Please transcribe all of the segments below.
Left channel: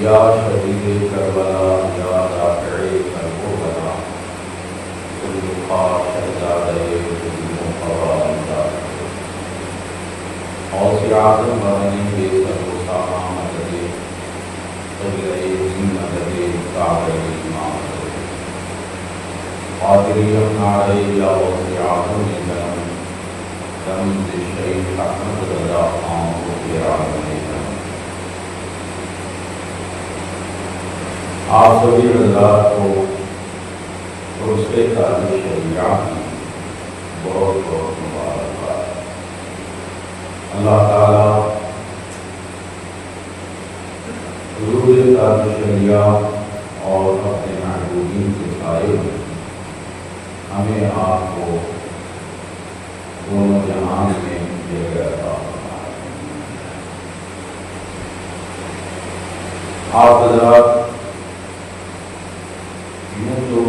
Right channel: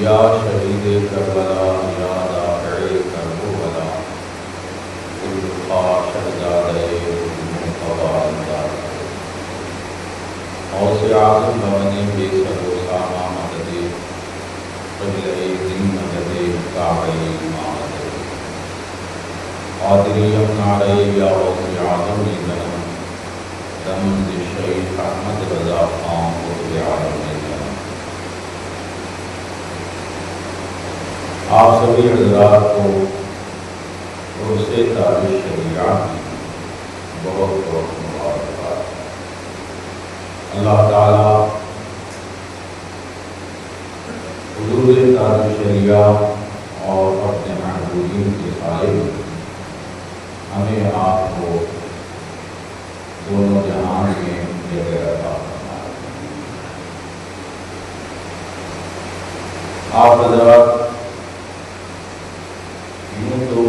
یا شہید کربلا یا دافع کربلا کل شہزادہ غوث اعظم بغنی بے سر و سامہ مدد قبلہ دین مدد کعبہ مدد قادریم نعرہ یا غوث اعظم کنم رمز شیخ احمد رضا خان قطب عالم کنم۔ آپ سبھی حضرات کو عرص تاج الشریعہ کی بہت بہت مبارکباد۔ اللہ تعالیٰ حضور تاج الشریعہ اور اپنے محبوبین کے سائے میں ہمیں آپ کو دونوں جہان میں جگہ عطا فرمائے۔ آپ حضرات یوں تو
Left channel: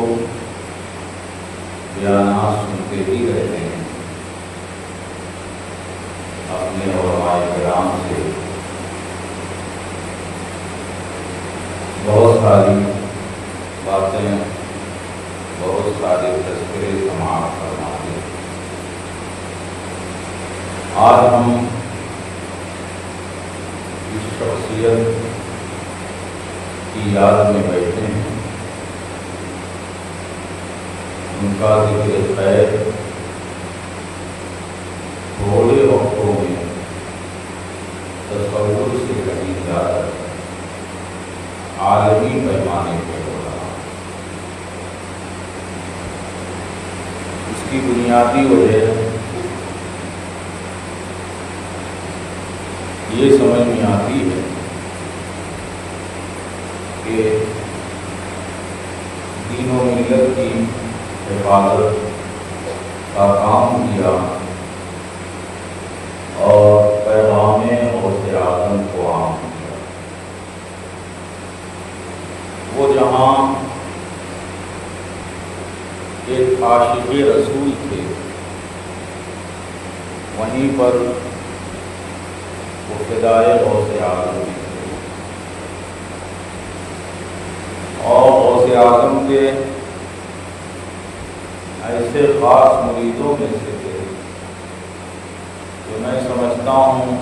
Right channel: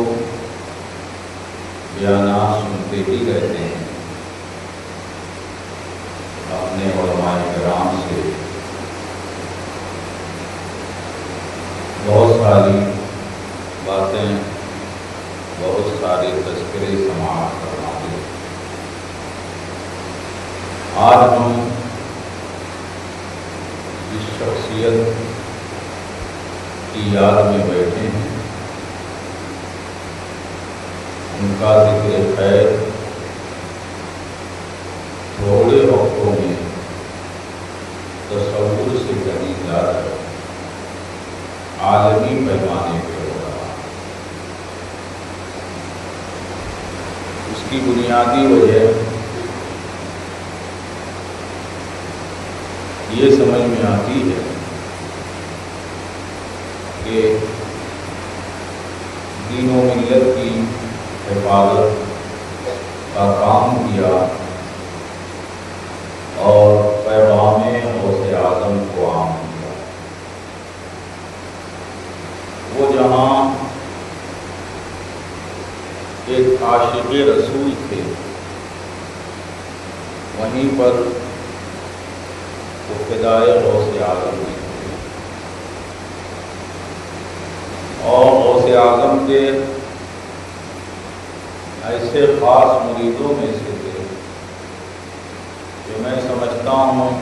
بیانات سنتے ہی رہتے ہیں، اپنے علماء کرام سے بہت ساری باتیں، بہت سارے تذکرے سماعت فرماتے ہیں۔ آج ہم اس شخصیت کی یاد میں بیٹھے ہیں، ان کا ذکر خیر تھوڑے وقتوں میں تصور سے کہیں زیادہ عالمی پیمانے پہ ہو رہا۔ اس کی بنیادی وجہ یہ سمجھ میں آتی ہے کہ دین و ملت کی حفاظت کا کام کیا اور پیغام غوث اعظم کو عام کیا۔ وہ جہاں ایک عاشق رسول تھے، وہیں پر وہ فدائے غوث اعظم بھی تھے، اور غوث اعظم کے ایسے خاص مریدوں میں سے تھے کہ میں سمجھتا ہوں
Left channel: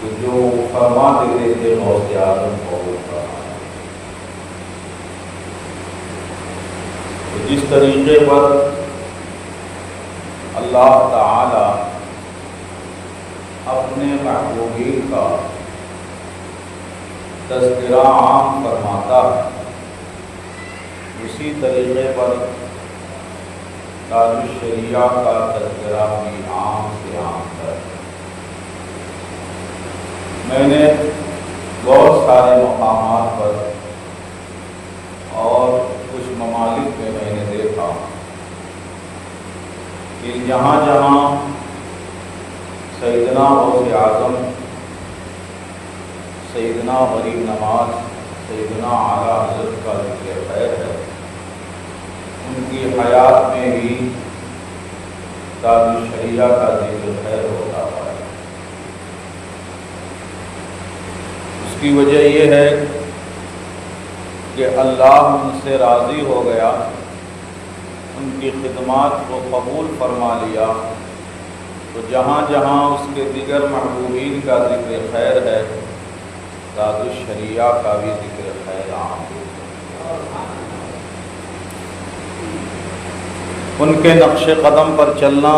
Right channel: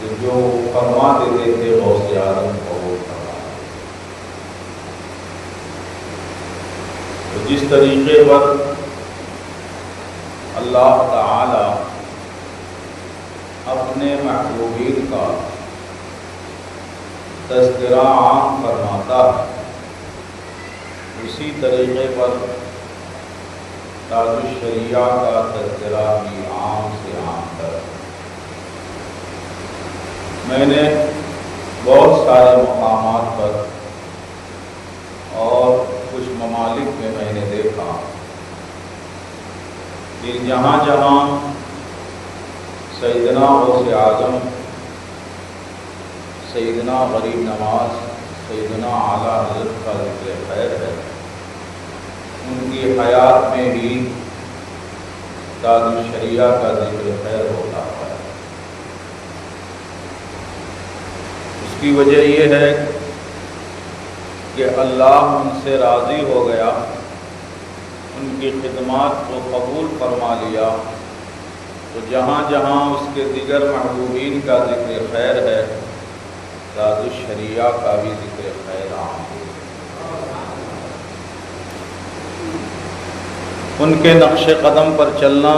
کہ جو فرما دیتے تھے غوث اعظم کو وہ فرمایا۔ تو جس طریقے پر اللہ تعالی اپنے محبوبین کا تذکرہ عام فرماتا ہے، اسی طریقے پر تاج الشریعہ کا تذکرہ بھی عام سے عام ہے۔ میں نے بہت سارے مقامات پر اور کچھ ممالک میں نے دیکھا کہ جہاں جہاں سیدنا غوث اعظم، سیدنا غریب نواز، سیدنا اعلیٰ حضرت کا ذکر خیر ہے، ان کی حیات میں بھی تاج الشریعہ کا ذکر خیر ہوتا ہے۔ اس کی وجہ یہ ہے کہ اللہ ان سے راضی ہو گیا، ان کی خدمات کو قبول فرما لیا، تو جہاں جہاں اس کے دیگر محبوبین کا ذکر خیر ہے، تاج الشریعہ کا بھی ذکر خیر عام ہو۔ ان کے نقش قدم پر چلنا،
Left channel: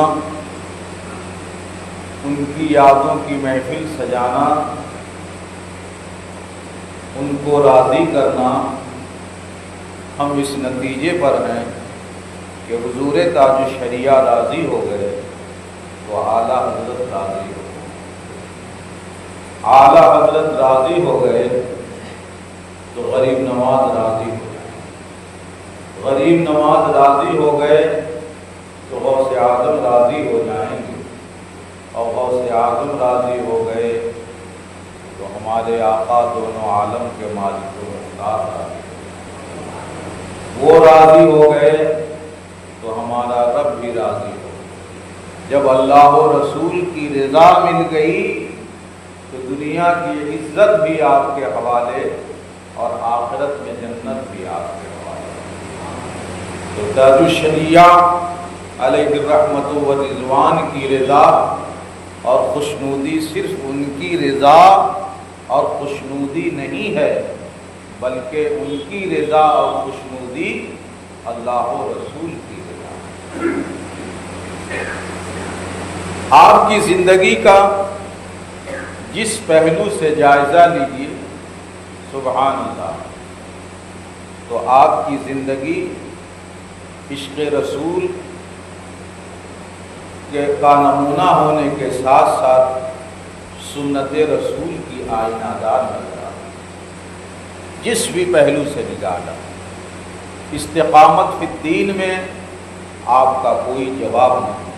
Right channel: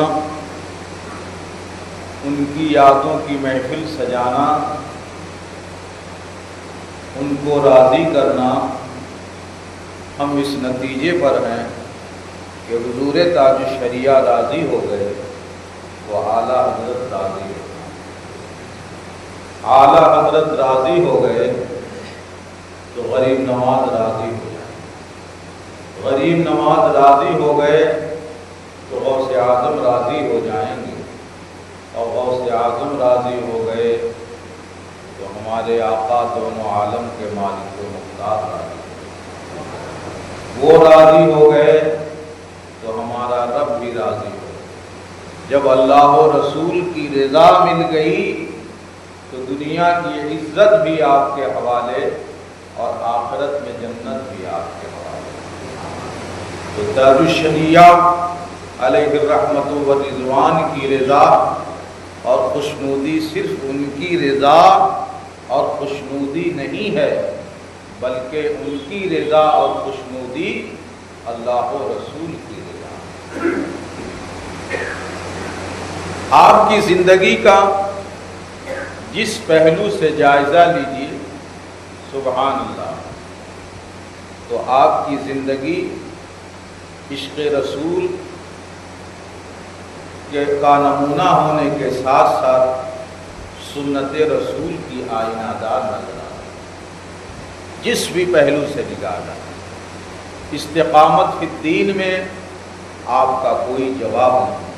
ان کی یادوں کی محفل سجانا، ان کو راضی کرنا، ہم اس نتیجے پر ہیں کہ حضور تاج الشریعہ راضی ہو گئے تو اعلیٰ حضرت راضی ہو گئے، اعلیٰ حضرت راضی ہو گئے تو غریب نواز راضی ہو جائیں، غریب نواز راضی ہو گئے تو غوث اعظم راضی ہو جائیں گے، اور غوث اعظم راضی ہو گئے تو ہمارے آقا دونوں عالم کے مالک و مختار راضی ہو گئے، وہ راضی ہو گئے تو ہمارا رب بھی راضی ہو گئے۔ جب اللہ و رسول کی رضا مل گئی تو دنیا کی عزت بھی آپ کے حوالے اور آخرت میں جنت بھی آپ کے حوالے. تو تاج الشریعہ علیہ الرحمت و رضوان کی رضا اور خوشنودی صرف ان کی رضا اور خوشنودی نہیں ہے، بلکہ ان کی رضا اور خوشنودی اللہ و رسول کی رضا. آپ کی زندگی کا جس پہلو سے جائزہ لیجیے، سبحان اللہ، تو آپ کی زندگی عشق رسول کا نمونہ ہونے کے ساتھ ساتھ سنت رسول کی آئینہ دار نظر آتی. جس بھی پہلو سے نکالا، استقامت فی الدین میں آپ کا کوئی جواب نہیں،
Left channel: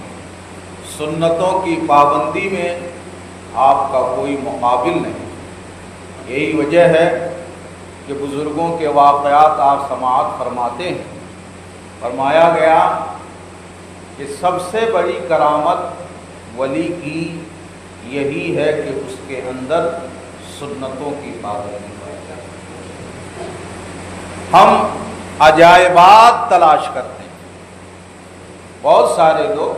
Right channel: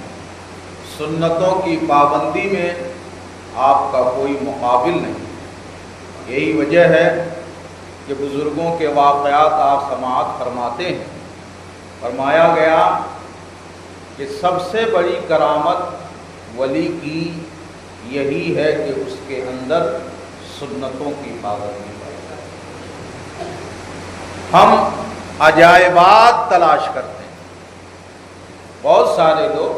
سنتوں کی پابندی میں آپ کا کوئی مقابل نہیں. یہی وجہ ہے کہ بزرگوں کے واقعات آپ سماعت فرماتے ہیں. فرمایا گیا کہ سب سے بڑی کرامت ولی کی یہی ہے کہ اس کے اندر سنتوں کی پابندی پائی جائے. ہم عجائبات تلاش کرتے ہیں. بہت سارے لوگ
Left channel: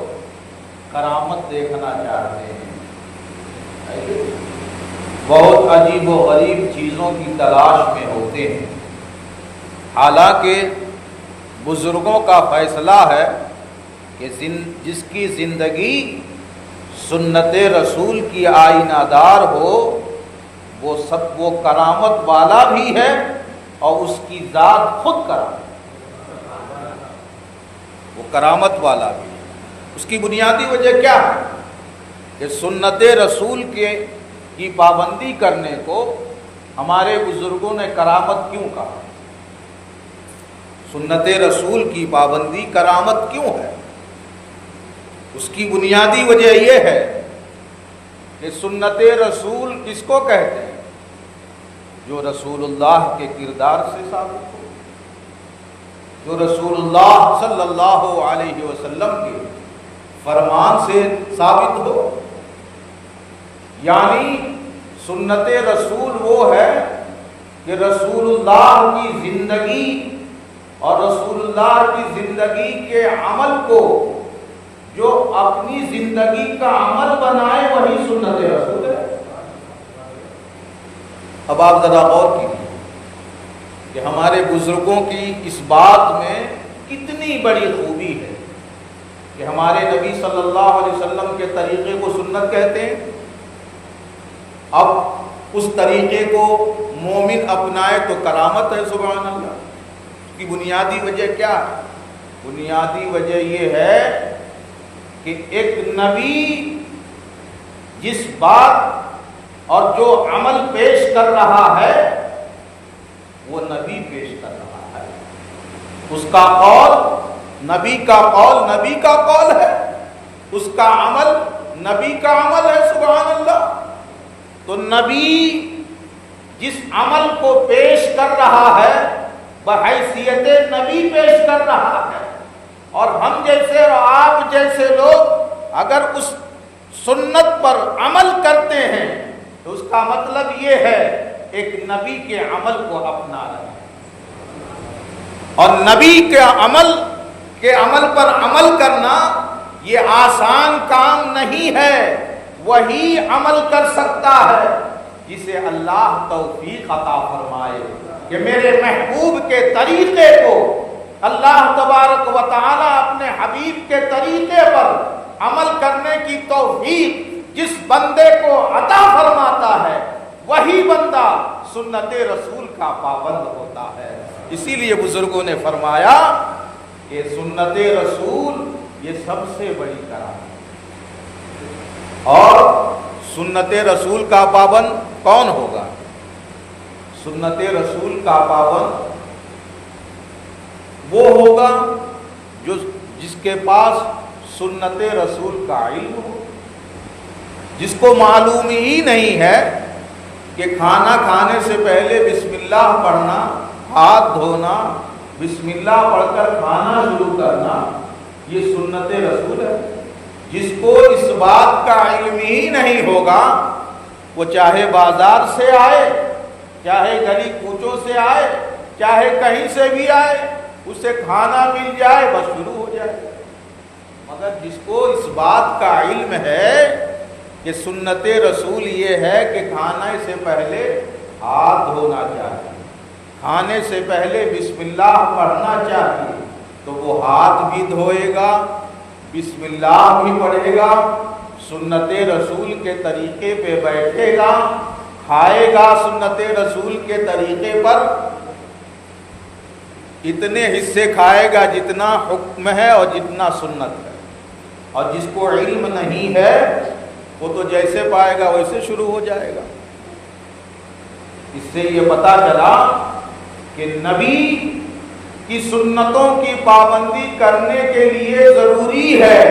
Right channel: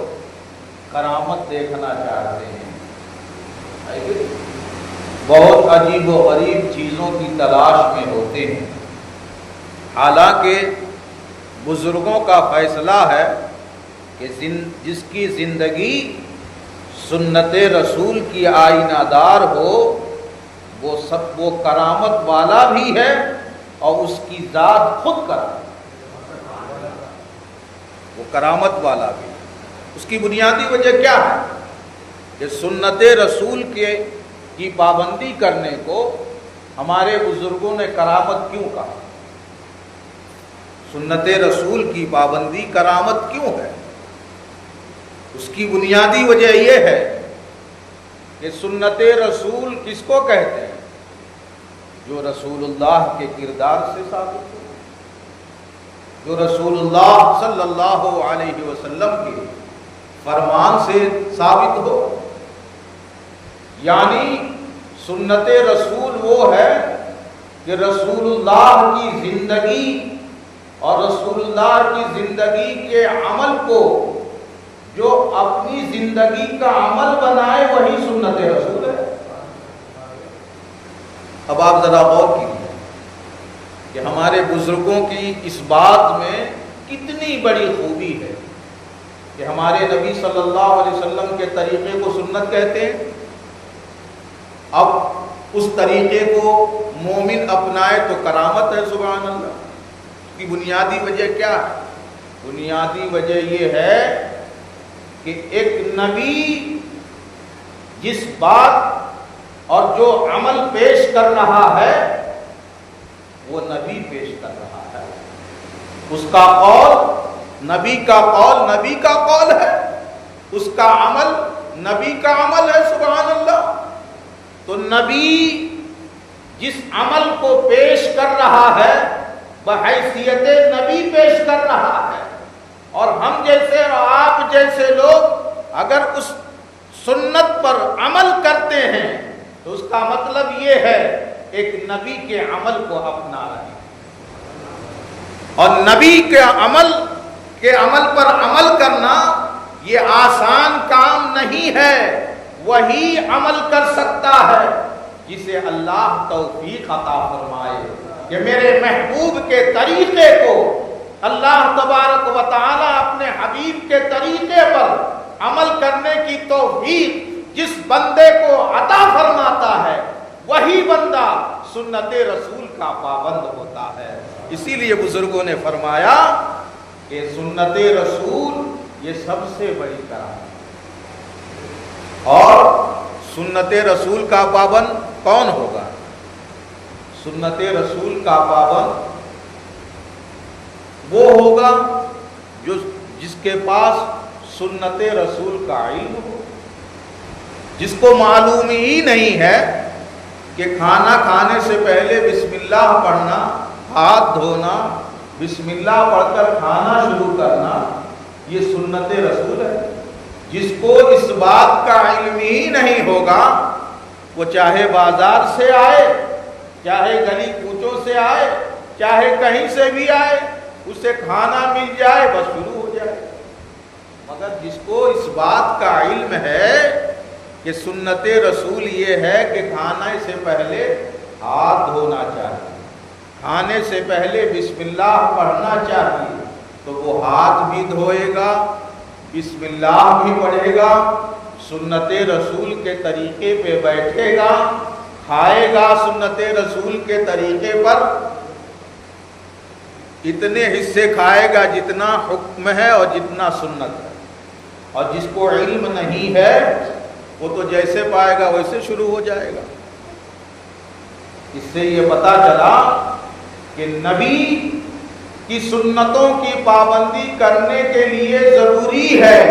کرامت دیکھنا چاہتے ہیں، بہت عجیب و غریب چیزوں کی تلاش میں ہوتے ہیں. حالانکہ بزرگوں کا فیصلہ ہے کہ جس کی زندگی سنت رسول کی آئینہ دار ہو وہ کرامت والا بھی ہے اور اس کی ذات خود وہ کرامت والا بھی ہے. اس کی بنیادی وجہ کیا ہے کہ سنت رسول کی پابندی کرنے کو ہمارے بزرگوں نے کرامت کیوں کہا؟ سنت رسول کی پابندی کرامت کیوں ہے؟ اس کی بنیادی وجہ یہ ہے کہ سنت رسول کس کو کہتے ہیں؟ جو رسول اللہ کے کردار سے ثابت ہو، جو رسول اللہ صلی اللہ علیہ وسلم کے فرمان سے ثابت ہو. یعنی سنت رسول وہ ہے کہ رسول اللہ کی زندگی اور رسول اللہ کی زندگی کے عمل کو جو اپنی زندگی کا عمل بنائے وہی سنت رسول ہے. اب آپ ذرا غور کیجیے کہ ہمارے بزرگوں کی اس بات میں کتنی بڑی خوبی ہے کہ ہمارے نبی صلی اللہ علیہ وسلم کے طریقے کو سنت کہتے ہیں. اب اس طریقے کو مومن اپنائے تو کرامت ہے. سبحان اللہ. اس کی بنیادی وجہ کیا ہے؟ بنیادی وجہ یہ ہے کہ ایک نبی جس بات اور جو عمل پیش کر رہا ہے وہ نبی پیش کر رہا ہے. اس کا قول نبی کا قول ہے، اس کا عمل نبی کا عمل ہے. سبحان اللہ. تو نبی جس عمل کو پیش کر رہا ہے بحیثیت نبی پیش کر رہا ہے، اور ہم جیسے اور آپ جیسے لوگ اگر اس سنت پر عمل کرتے ہیں تو اس کا مطلب یہ ہے ایک نبی کے عمل کو اپنا رہے ہیں. اور نبی کے عمل پر عمل کرنا یہ آسان کام نہیں ہے. وہی عمل کر سکتا ہے جسے اللہ توفیق عطا فرمائے کہ میرے محبوب کے طریقے کو اللہ تبارک و تعالی اپنے حبیب کے طریقے پر عمل کرنے کی توفیق جس بندے کو عطا فرماتا ہے وہی بندہ سنت رسول کا پابند ہوتا ہے. اسی لیے بزرگوں نے فرمایا کہ سنت رسول یہ سب سے بڑی کرامت. اور سنت رسول کا پابند کون ہوگا؟ سنت رسول کا پابند وہ ہوگا جس کے پاس سنت رسول کا علم ہو، جس کو معلوم ہی نہیں ہے کہ کھانا کھانے سے پہلے بسم اللہ پڑھنا، ہاتھ دھونا، بسم اللہ پڑھ کر کھانا شروع کرنا یہ سنت رسول ہے. جس کو اس بات کا علم ہی نہیں ہوگا وہ چاہے بازار سے آئے، چاہے گلی کوچوں سے آئے، چاہے کہیں سے بھی آئے، اسے کھانا مل جائے بس شروع ہو جائے۔ مگر جس کو اس بات کا علم ہے کہ سنت رسول یہ ہے کہ کھانے سے پہلے ہاتھ دھونا چاہیے، کھانے سے پہلے بسم اللہ پڑھنا چاہیے، تو وہ ہاتھ بھی دھوئے گا، بسم اللہ بھی پڑھے گا، سنت رسول کے طریقے پہ بیٹھے گا، کھائے گا سنت رسول کے طریقے پر، اتنے حصے کھائے گا جتنا حکم ہے اور جتنا سنت ہے۔ اور جس کو علم نہیں ہے وہ تو جیسے پائے گا ویسے شروع ہو جائے گا۔ اس سے یہ پتہ چلا کہ نبی کی سنتوں کی پابندی کرنے کے لیے ضروری ہے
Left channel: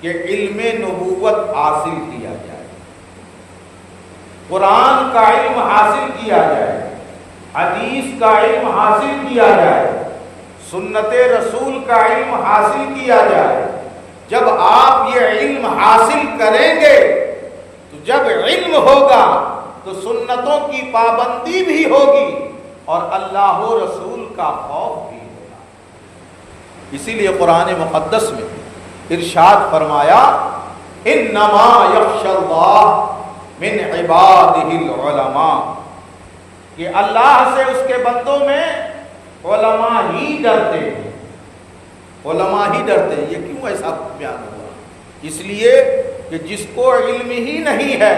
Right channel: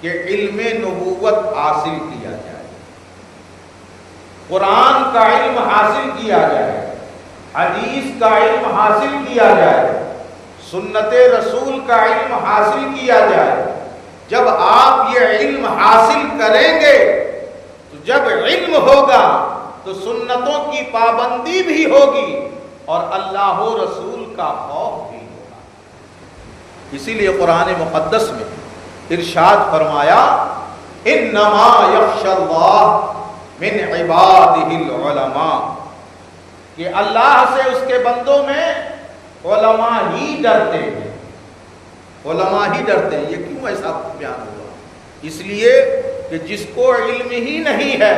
کہ علم نبوت حاصل کیا جائے، قرآن کا علم حاصل کیا جائے، حدیث کا علم حاصل کیا جائے، سنت رسول کا علم حاصل کیا جائے۔ جب آپ یہ علم حاصل کریں گے تو جب علم ہوگا تو سنتوں کی پابندی بھی ہوگی اور اللہ و رسول کا خوف بھی ہوگا۔ اسی لیے قرآن مقدس میں ارشاد فرمایا انما یخشی اللہ من عبادہ العلماء، کہ اللہ سے اس کے بندوں میں علماء ہی ڈرتے ہیں، علماء ہی ڈرتے ہیں۔ یہ کیوں ایسا بیان ہوا؟ اس لیے کہ جس کو علم ہی نہیں ہے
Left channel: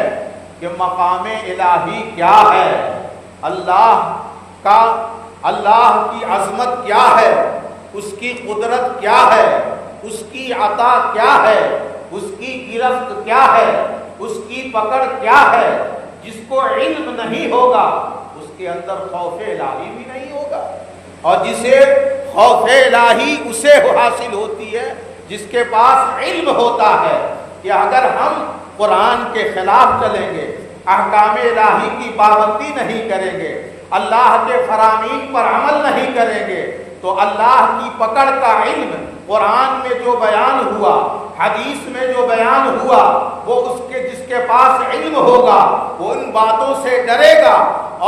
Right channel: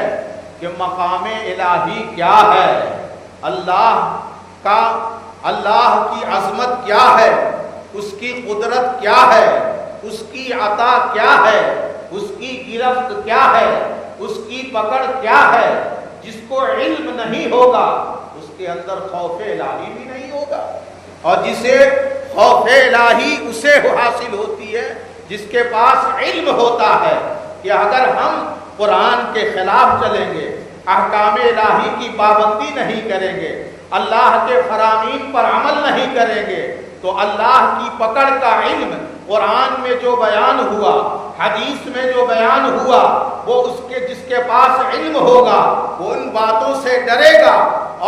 کہ مقام الہی کیا ہے، اللہ کی عظمت کیا ہے، اس کی قدرت کیا ہے، اس کی عطا کیا ہے، اس کی گرفت کیا ہے، اس کی پکڑ کیا ہے، جس کو علم نہیں ہوگا اس کے اندر خوف الہی بھی نہیں ہوگا۔ اور جسے خوف الہی اسے حاصل ہوتی ہے جس کے پاس علم ہوتا ہے کہ اگر ہم قرآن کے خلاف چلیں گے، احکام الہی کی پابندی نہیں کریں گے، اللہ کے فرامین پر عمل نہیں کریں گے، تو اللہ کی پکڑ کا علم قرآن میں جو بیان ہوا، حدیث میں جو بیان ہوا، وہ جس کے پاس علم ہوگا وہ ان باتوں سے ڈرے گا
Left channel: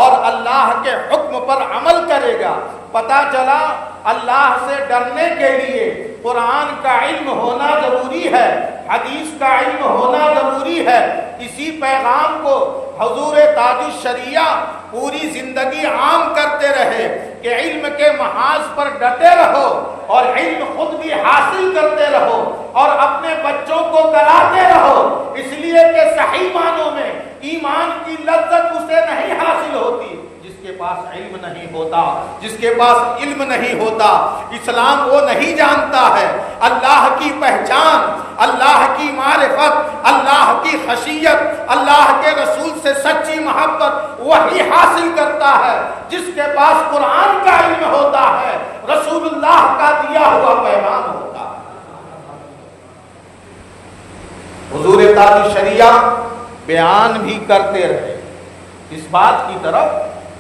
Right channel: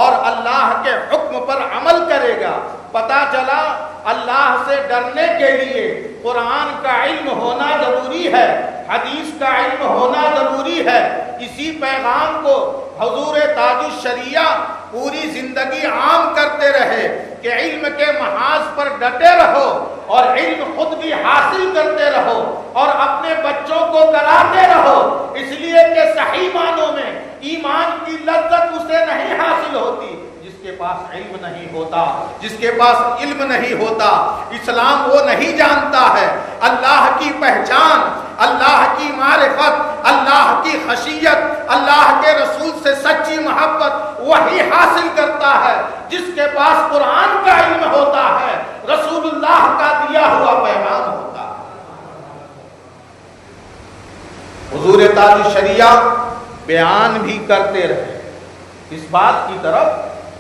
اور اللہ کے حکم پر عمل کرے گا۔ پتہ چلا اللہ سے ڈرنے کے لیے قرآن کا علم ہونا ضروری ہے، حدیث کا علم ہونا ضروری ہے۔ اسی پیغام کو حضور تاج الشریعہ پوری زندگی عام کرتے رہے کہ علم کے محاذ پر ڈٹے رہو اور علم خود بھی حاصل کرتے رہو اور اپنے بچوں کو کراتے رہو، اس لیے کہ صحیح معنوں میں ایمان کی لذت اسے نہیں حاصل ہوتی جس کے پاس علم نہیں ہوتا، جس کے پاس علم نہیں ہوتا۔ اسلام وہ نہیں جانتا ہے، اللہ کی پہچان، اللہ کی معرفت، اللہ کی خشیت، اللہ کے رسول سے سچی محبت وہی حاصل کرتا ہے جس کے پاس قرآن کا علم ہوتا ہے، رسول اللہ کا دیا ہوا پیغام ہوتا ہے۔ حضور تاج الشریعہ بیان بھی کرتے رہے، اس بات کی طرف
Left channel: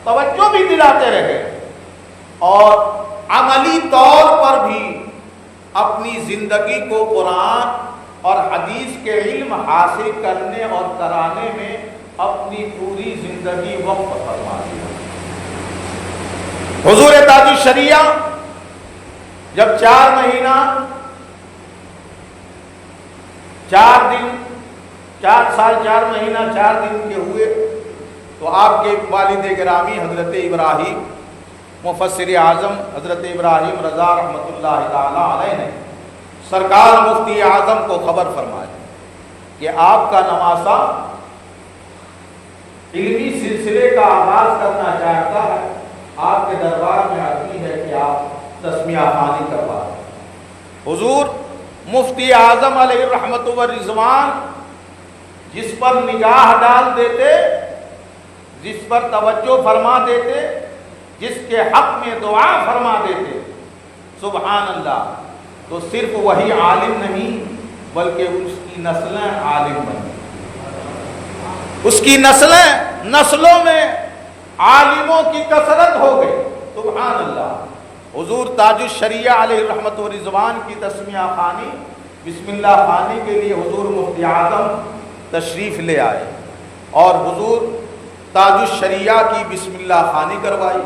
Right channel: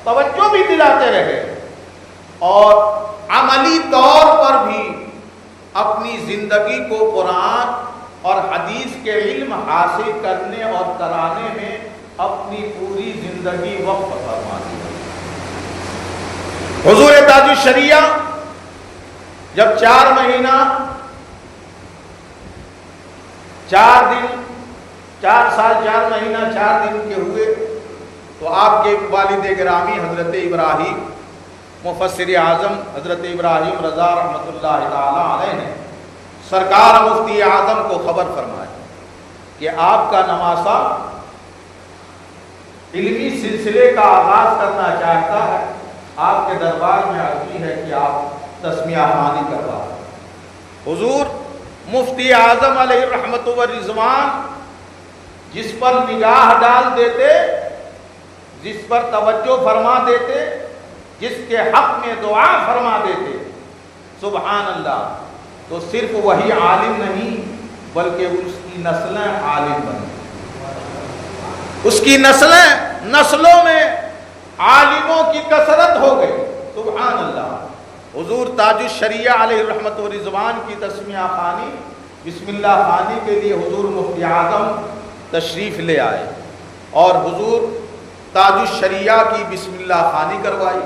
توجہ بھی دلاتے رہے اور عملی طور پر بھی اپنی زندگی کو قرآن اور حدیث کے علم حاصل کرنے اور کرانے میں اپنی پوری زندگی وقف فرما دیا۔ حضور تاج الشریعہ جب 4 مہینہ 4 دن 4 سال 4 مہینہ 4 دن کے ہوئے تو آپ کے والد گرامی حضرت ابراہیم مفسر اعظم حضرت ابراہیم رضا رحمۃ اللہ تعالی علیہ نے سرکار مفتی اعظم کو خبر فرمایا کہ آپ کا نواسا علمی سلسلے کا آغاز کرنا چاہتا ہے، آپ کے دربار میں عرضی ہے کہ آپ تسمیہ خوانی کروا دیں۔ حضور مفتی اعظم علیہ رحمت و رضوان جس پر نگاہ ڈال دیتے، جس پر توجہ فرما دیتے، جس کے حق میں دعا فرما دیتے، سبحان اللہ، تو صرف وہی عالم نہیں بلکہ اس کی نسلیں عالم بنی، اس کی نسلوں میں عالموں کی کثرت ہو گئی، سبحان اللہ۔ حضور تاج الشریعہ علیہ رحمت و رضوان کی تسمیہ خوانی، بسم اللہ خوانی کے لیے حضور مفتی اعظم تشریف لے آئے۔ اور حضور تاج الشریعہ کی بسم اللہ خوانی کروائی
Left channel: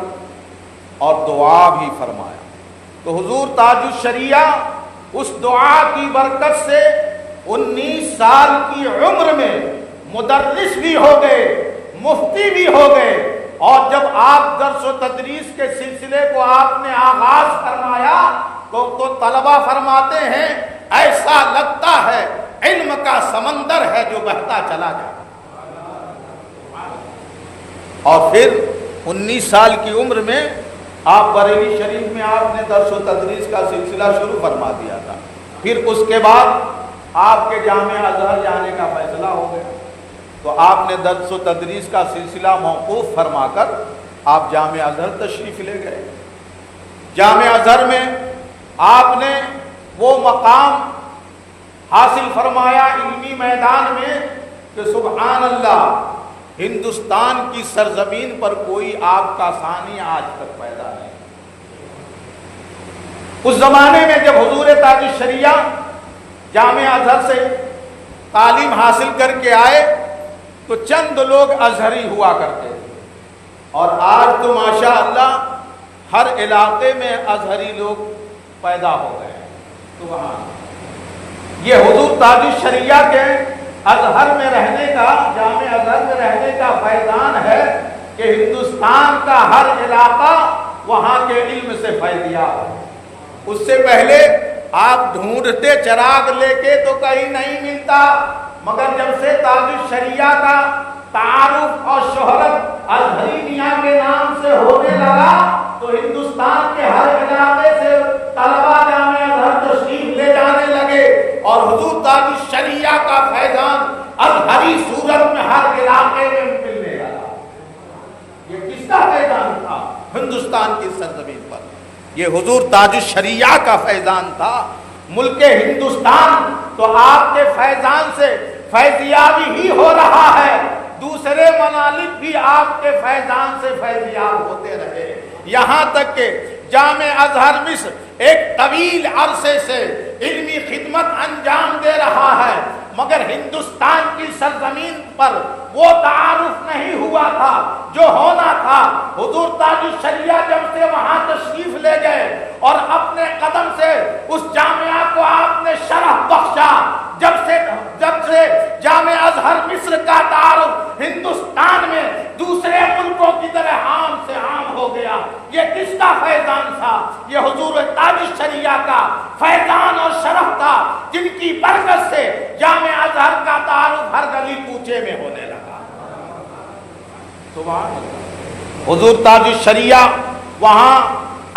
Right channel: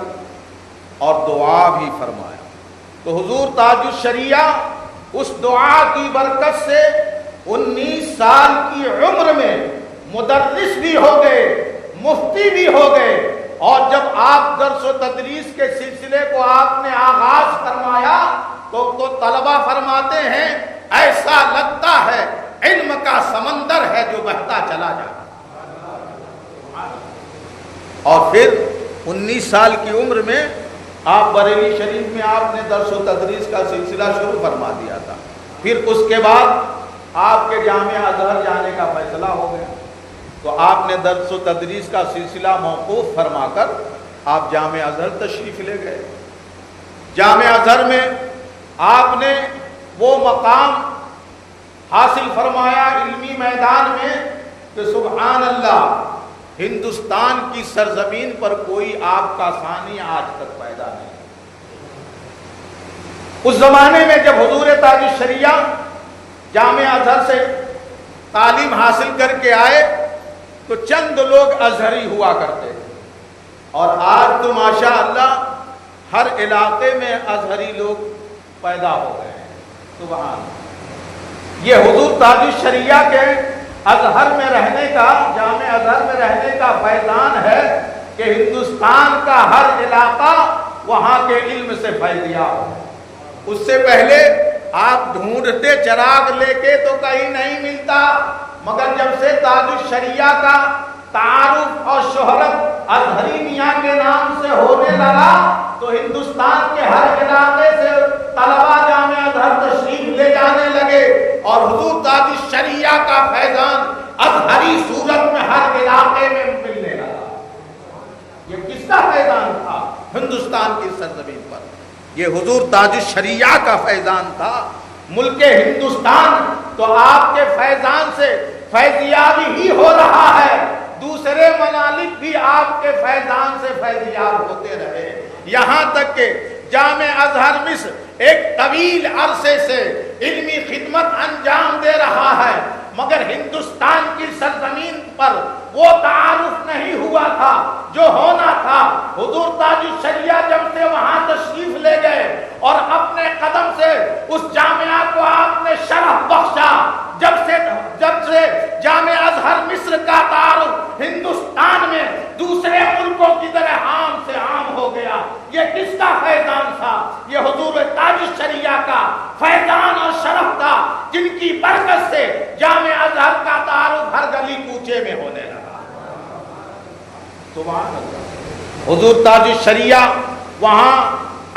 اور دعا بھی فرمایا. تو حضور تاج الشریعہ اس دعا کی برکت سے 19 سال کی عمر میں مدرس بھی ہو گئے، مفتی بھی ہو گئے. اور جب آپ درس و تدریس کے سلسلے کو آپ نے آغاز فرمایا تو طلبہ فرماتے ہیں ایسا لگتا ہے علم کا سمندر ہے جو بہتا چلا جا رہا. اور پھر 19 سال کی عمر میں آپ بریلی شریف میں آپ نے درس و تدریس کا سلسلہ شروع فرما دیا تھا. پھر اس کے بعد آپ کے جامعہ ازہر جانے کا فیصلہ ہو گیا تو آپ نے درس و تدریس کا سلسلہ موقوف فرما کر آپ جامعہ ازہر تشریف لے گئے. جامعہ ازہر میں آپ نے وہ مقام حاصل فرمایا علمی میدان میں کہ سبحان اللہ، ہندوستان کی سرزمین پر کوئی آپ کا ثانی آج تک پیدا نہیں. اس زمانے میں جب حضور تاج الشریعہ جامعہ ازہر سے تعلیم حاصل کر کے آئے تو چند لوگ ازہری ہوا کرتے تھے، اور آج تو ماشاء اللہ ہر علاقے میں ازہری لوگ پیدا ہو گئے ہیں. سبحان اللہ. یہ حضور تاج الشریعہ کے ازہر میں رہنے کا، جامعہ ازہر میں رہنے کا فیضان ہے کہ ہندوستان کا ہر علاقہ وہاں کے علم سے فیضیاب ہو. اس سے پہلے آپ ڈھونڈتے چراغ لے کے تو کہیں نہیں ملتا، مگر جب سے تاج الشریعہ کا تعارف اور شہرت ازہری میاں کے نام سے ہونے لگا تو ہندوستان کے ہر علاقے سے طلبہ جامعہ ازہر تشریف لے جانے لگے اور حضور تاج الشریعہ کا فیضان ازہری صورت میں ہر علاقے میں ملنے لگا. یہ کس کا فیضان تھا؟ ہندوستان کی سرزمین پر یہ حضور تاج الشریعہ کا فیضان تھا. ملک ہندوستان تو آپ کے فیضان سے فیضیابی ہی ہو رہا ہے، دوسرے ممالک بھی آپ کے فیضان سے فیضیاب ہوتے رہے، یہاں تک کہ جامع ازہر مصر ایک طویل عرصے سے علمی خدمت انجام دے رہا ہے، مگر ہندوستان کی سرزمین پر وہ تعارف نہیں ہوا تھا جو ہونا تھا. حضور تاج الشریعہ جب سے وہاں تشریف لے گئے اور اپنے قدم سے اس جامعہ کو آپ نے شرف بخشا، جب سے جامع ازہر مصر کا تعارف ہندوستان میں دوسرے ملکوں کی طرح عام سے عام ہو گیا. یہ کس کا فیضان تھا؟ یہ حضور تاج الشریعہ کا فیضان اور شرف تھا، جن کی برکت سے جامع ازہر کا تعارف ہر گلی کوچے میں ہونے لگا. سبحان اللہ. حضور تاج الشریعہ وہاں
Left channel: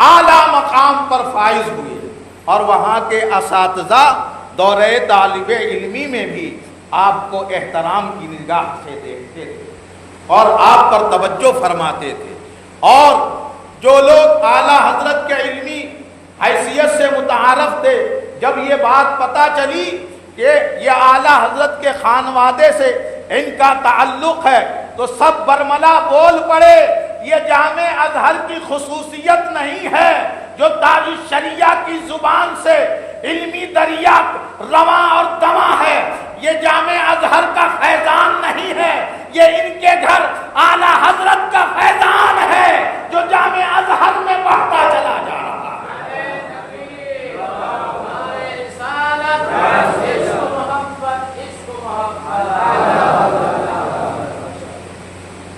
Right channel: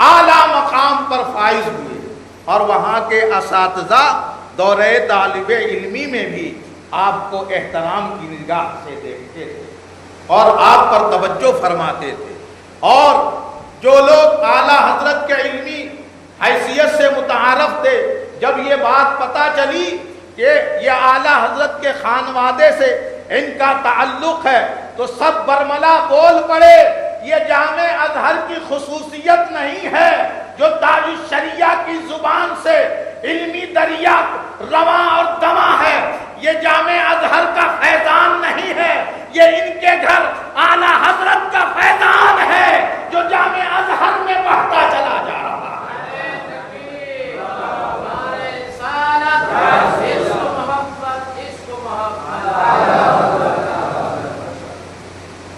اعلیٰ مقام پر فائز ہوئے اور وہاں کے اساتذہ دورہ طالب علمی میں بھی آپ کو احترام کی نگاہ سے دیکھتے تھے اور آپ پر توجہ فرماتے تھے. اور جو لوگ اعلیٰ حضرت کے علمی حیثیت سے متعارف تھے، جب یہ بات پتہ چلی کہ یہ اعلیٰ حضرت کے خانوادے سے ان کا تعلق ہے تو سب برملا بول پڑے یہ جامع ازہر کی خصوصیت نہیں ہے جو تاج الشریعہ کی زبان سے علمی دریافت رواں اور دواں ہے. یہ جامع ازہر کا فیضان نہیں ہے، یہ ان کے گھر اعلیٰ حضرت کا فیضان ہے جو جامع ازہر میں بڑھتا چلا جا رہا ہے.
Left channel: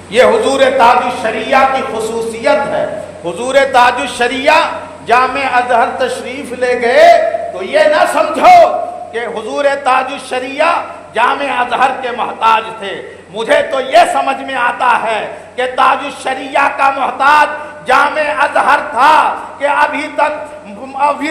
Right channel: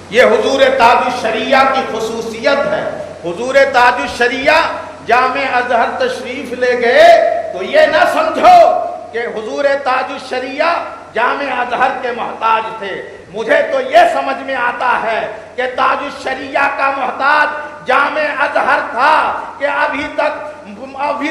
یہ حضور تاج الشریعہ کی خصوصیت ہے. حضور تاج الشریعہ جامع ازہر تشریف لے گئے تو یہ نہ سمجھو کہ حضور تاج الشریعہ جامع ازہر کے محتاج تھے. مجھے تو یہ سمجھ میں آتا ہے کہ تاج الشریعہ کا محتاج جامع ازہر تھا کہ ابھی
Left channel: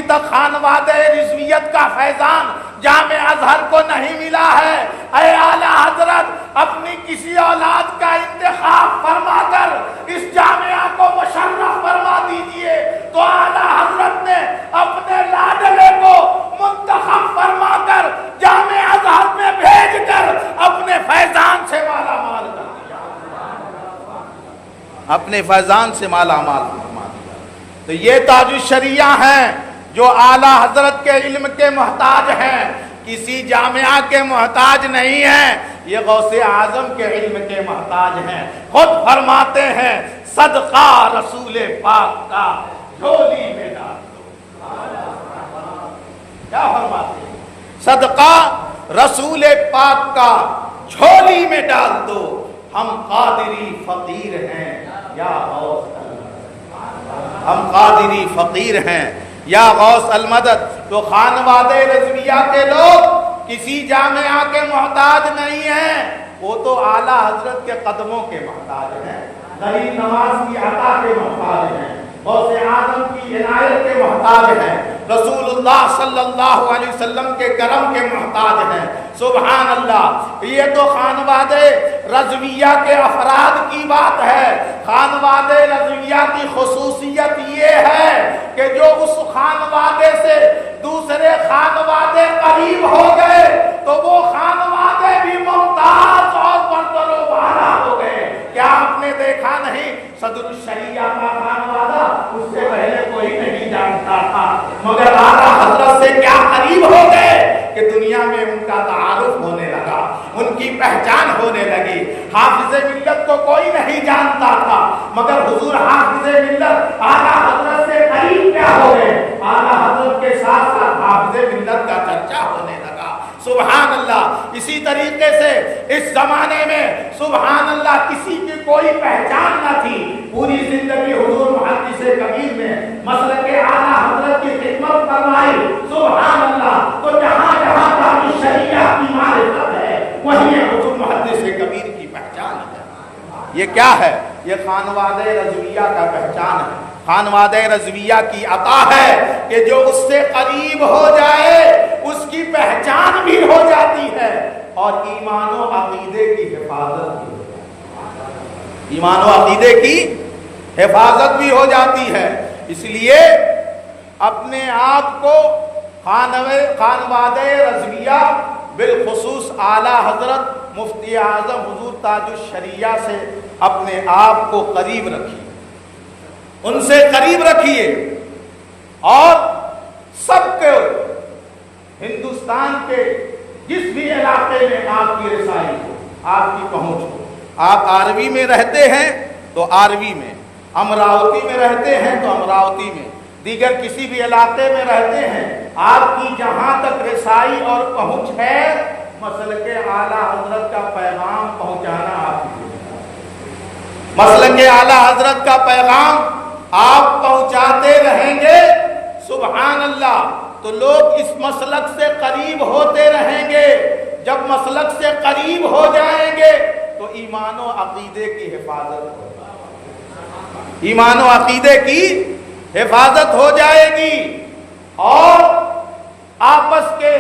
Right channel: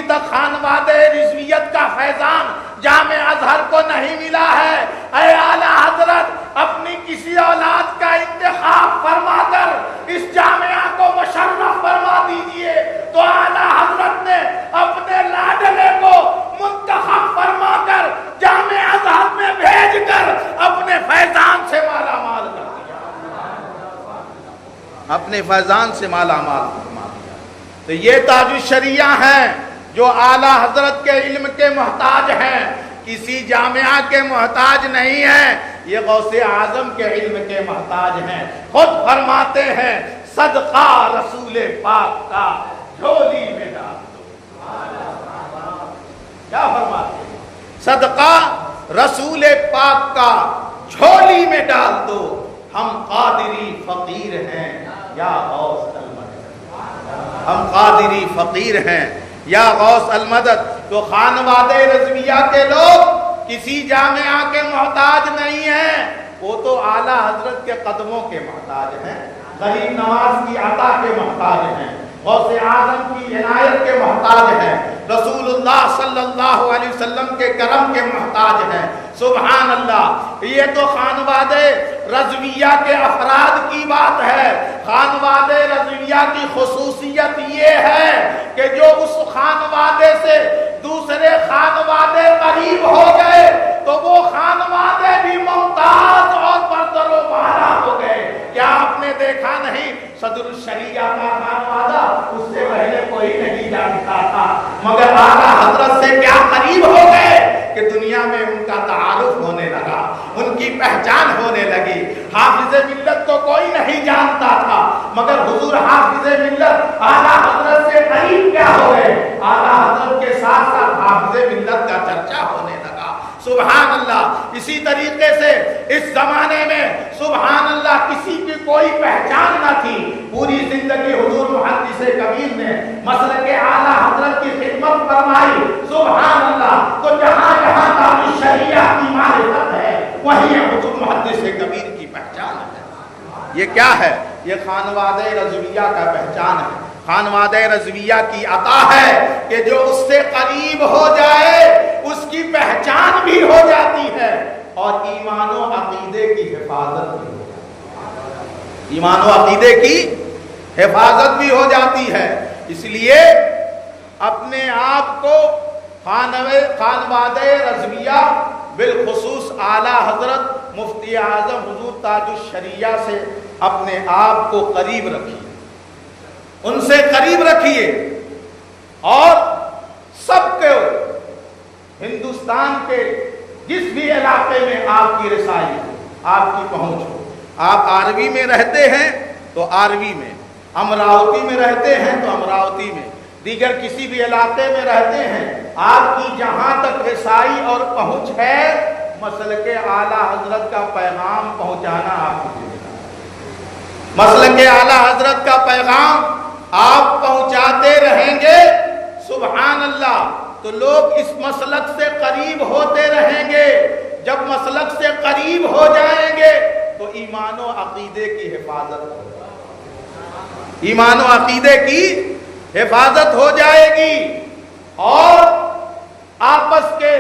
تک خانوادہ رضویت کا فیضان جامع ازہر کو نہیں ملا ہے. اے اعلیٰ حضرت اپنی کسی اولاد کا انتخاب فرما کر اس جامعہ کو مشرف فرما دیجئے. تو اعلیٰ حضرت نے اپنے لاڈلے کو منتخب فرما کر جامع ازہر میں بھیج کر اپنے فیضان سے مالا مال کر دیا، اپنے فیضان سے مالا مال فرما دیا. تو یہ تاج الشریعہ ہیں جو اعلیٰ حضرت کے علم کے محتاج ہیں، کسی جامعہ کے محتاج نہیں ہیں. یہ غوث اعظم کے علم کے محتاج ہیں. خود فرماتے ہیں صدقہ رسول پاک کا جھولی میں ڈال دو. کیا فرماتے ہیں؟ صدقہ رسول پاک کا جھولی میں ڈال دو. ہم قادری فقیر ہیں یا غوث المدد. ہم قادری فقیر ہیں یا غوث المدد. تو خانوادہ رضویہ کے لوگ کسی جامعہ کے محتاج نہیں ہیں، وہ تو اعلیٰ حضرت کے قدموں کے محتاج ہیں، غریب نواز کی عطا کے محتاج ہیں، غوث اعظم کی عنایت کے محتاج ہیں، رسول اللہ صلی اللہ علیہ وسلم کے کرم کے محتاج ہیں. سبحان اللہ. یہ تو خانوادہ رضویہ کے افراد کی بات ہے. خانوادہ رضویہ کی خصوصیت یہ ہے کہ جو اس خانوادے سے دوسرے خانوادے قریب ہو گئے تو وہ خانوادے بھی ممتاز اور برتر و بالا ہو گئے. کیا آپ نے دیکھا نہیں صدر الشریعہ کا خانوادہ اس سے پہلے کوئی نہیں جانتا تھا، مگر اعلیٰ حضرت سے کیا قریب ہو گئے کہ دنیا میں ان کا تعارف ہونے لگا، ان کی پہچان ہونے لگی. حافظ ملت کو کوئی نہیں جانتا تھا، مگر حضور حافظ ملت اعلیٰ حضرت سے قریب کیا ہو گئے، اعلیٰ حضرت کے ساتھ ساتھ حافظ ملت کا چرچا ہونے لگا. سبحان اللہ. اسی طریقے سے اس زمانے میں سبحان اللہ کسی کی کوئی پہچان نہ تھی. پوری زندگی حضور محدث کبیر نے مسلک اعلیٰ حضرت کی خدمت فرمائی. سبحان اللہ. تو جہاں جہاں تاریخ شریعہ کی معرفت ہے وہیں حضور محدث کبیر کی پہچان ہے. یہ کیا ہے؟ یہ خانوادہ رضویہ کا پہچان ہے. خانوادہ رضویہ کی عطا ہے کہ جو اس سے قریب ہو جائے اس کی پہچان بھی ہو جاتی ہے اور ایمان و عقیدے کی حفاظت بھی ہو جاتی ہے. ایمان و عقیدے کی حفاظت بھی ہو جاتی ہے. اس لیے اپنے آپ کو خانوادہ رضویہ بالخصوص اعلیٰ حضرت مفتی اعظم حضور تاج الشریعہ سے اپنے آپ کو قریب رکھیے، ان سے قریب رکھیے. اور سب کے ہندوستان کے جس بھی علاقے میں آپ کی رسائی ہو، آپ کی پہنچ ہو. آپ آروی میں رہتے ہیں تو آروی میں، امراوتی میں رہتے ہیں تو امراوتی میں، دیگر کسی بھی علاقے میں رہتے ہیں، آپ کی جہاں تک رسائی اور پہنچ ہے مسلک اعلیٰ حضرت کا پیغام پہنچانا آپ کی ذمہ داری. مسلک اعلیٰ حضرت کا پیغام آپ پہنچاتے رہیں گے سبحان اللہ تو لوگ اس مسلک سے قریب ہوتے رہیں گے. جب مسلک سے قریب ہو جائیں گے تو ایمان و عقیدے کی حفاظت ہو جائے گی. ایمان و عقیدے کی حفاظت ہو جائے گی اور آپس کے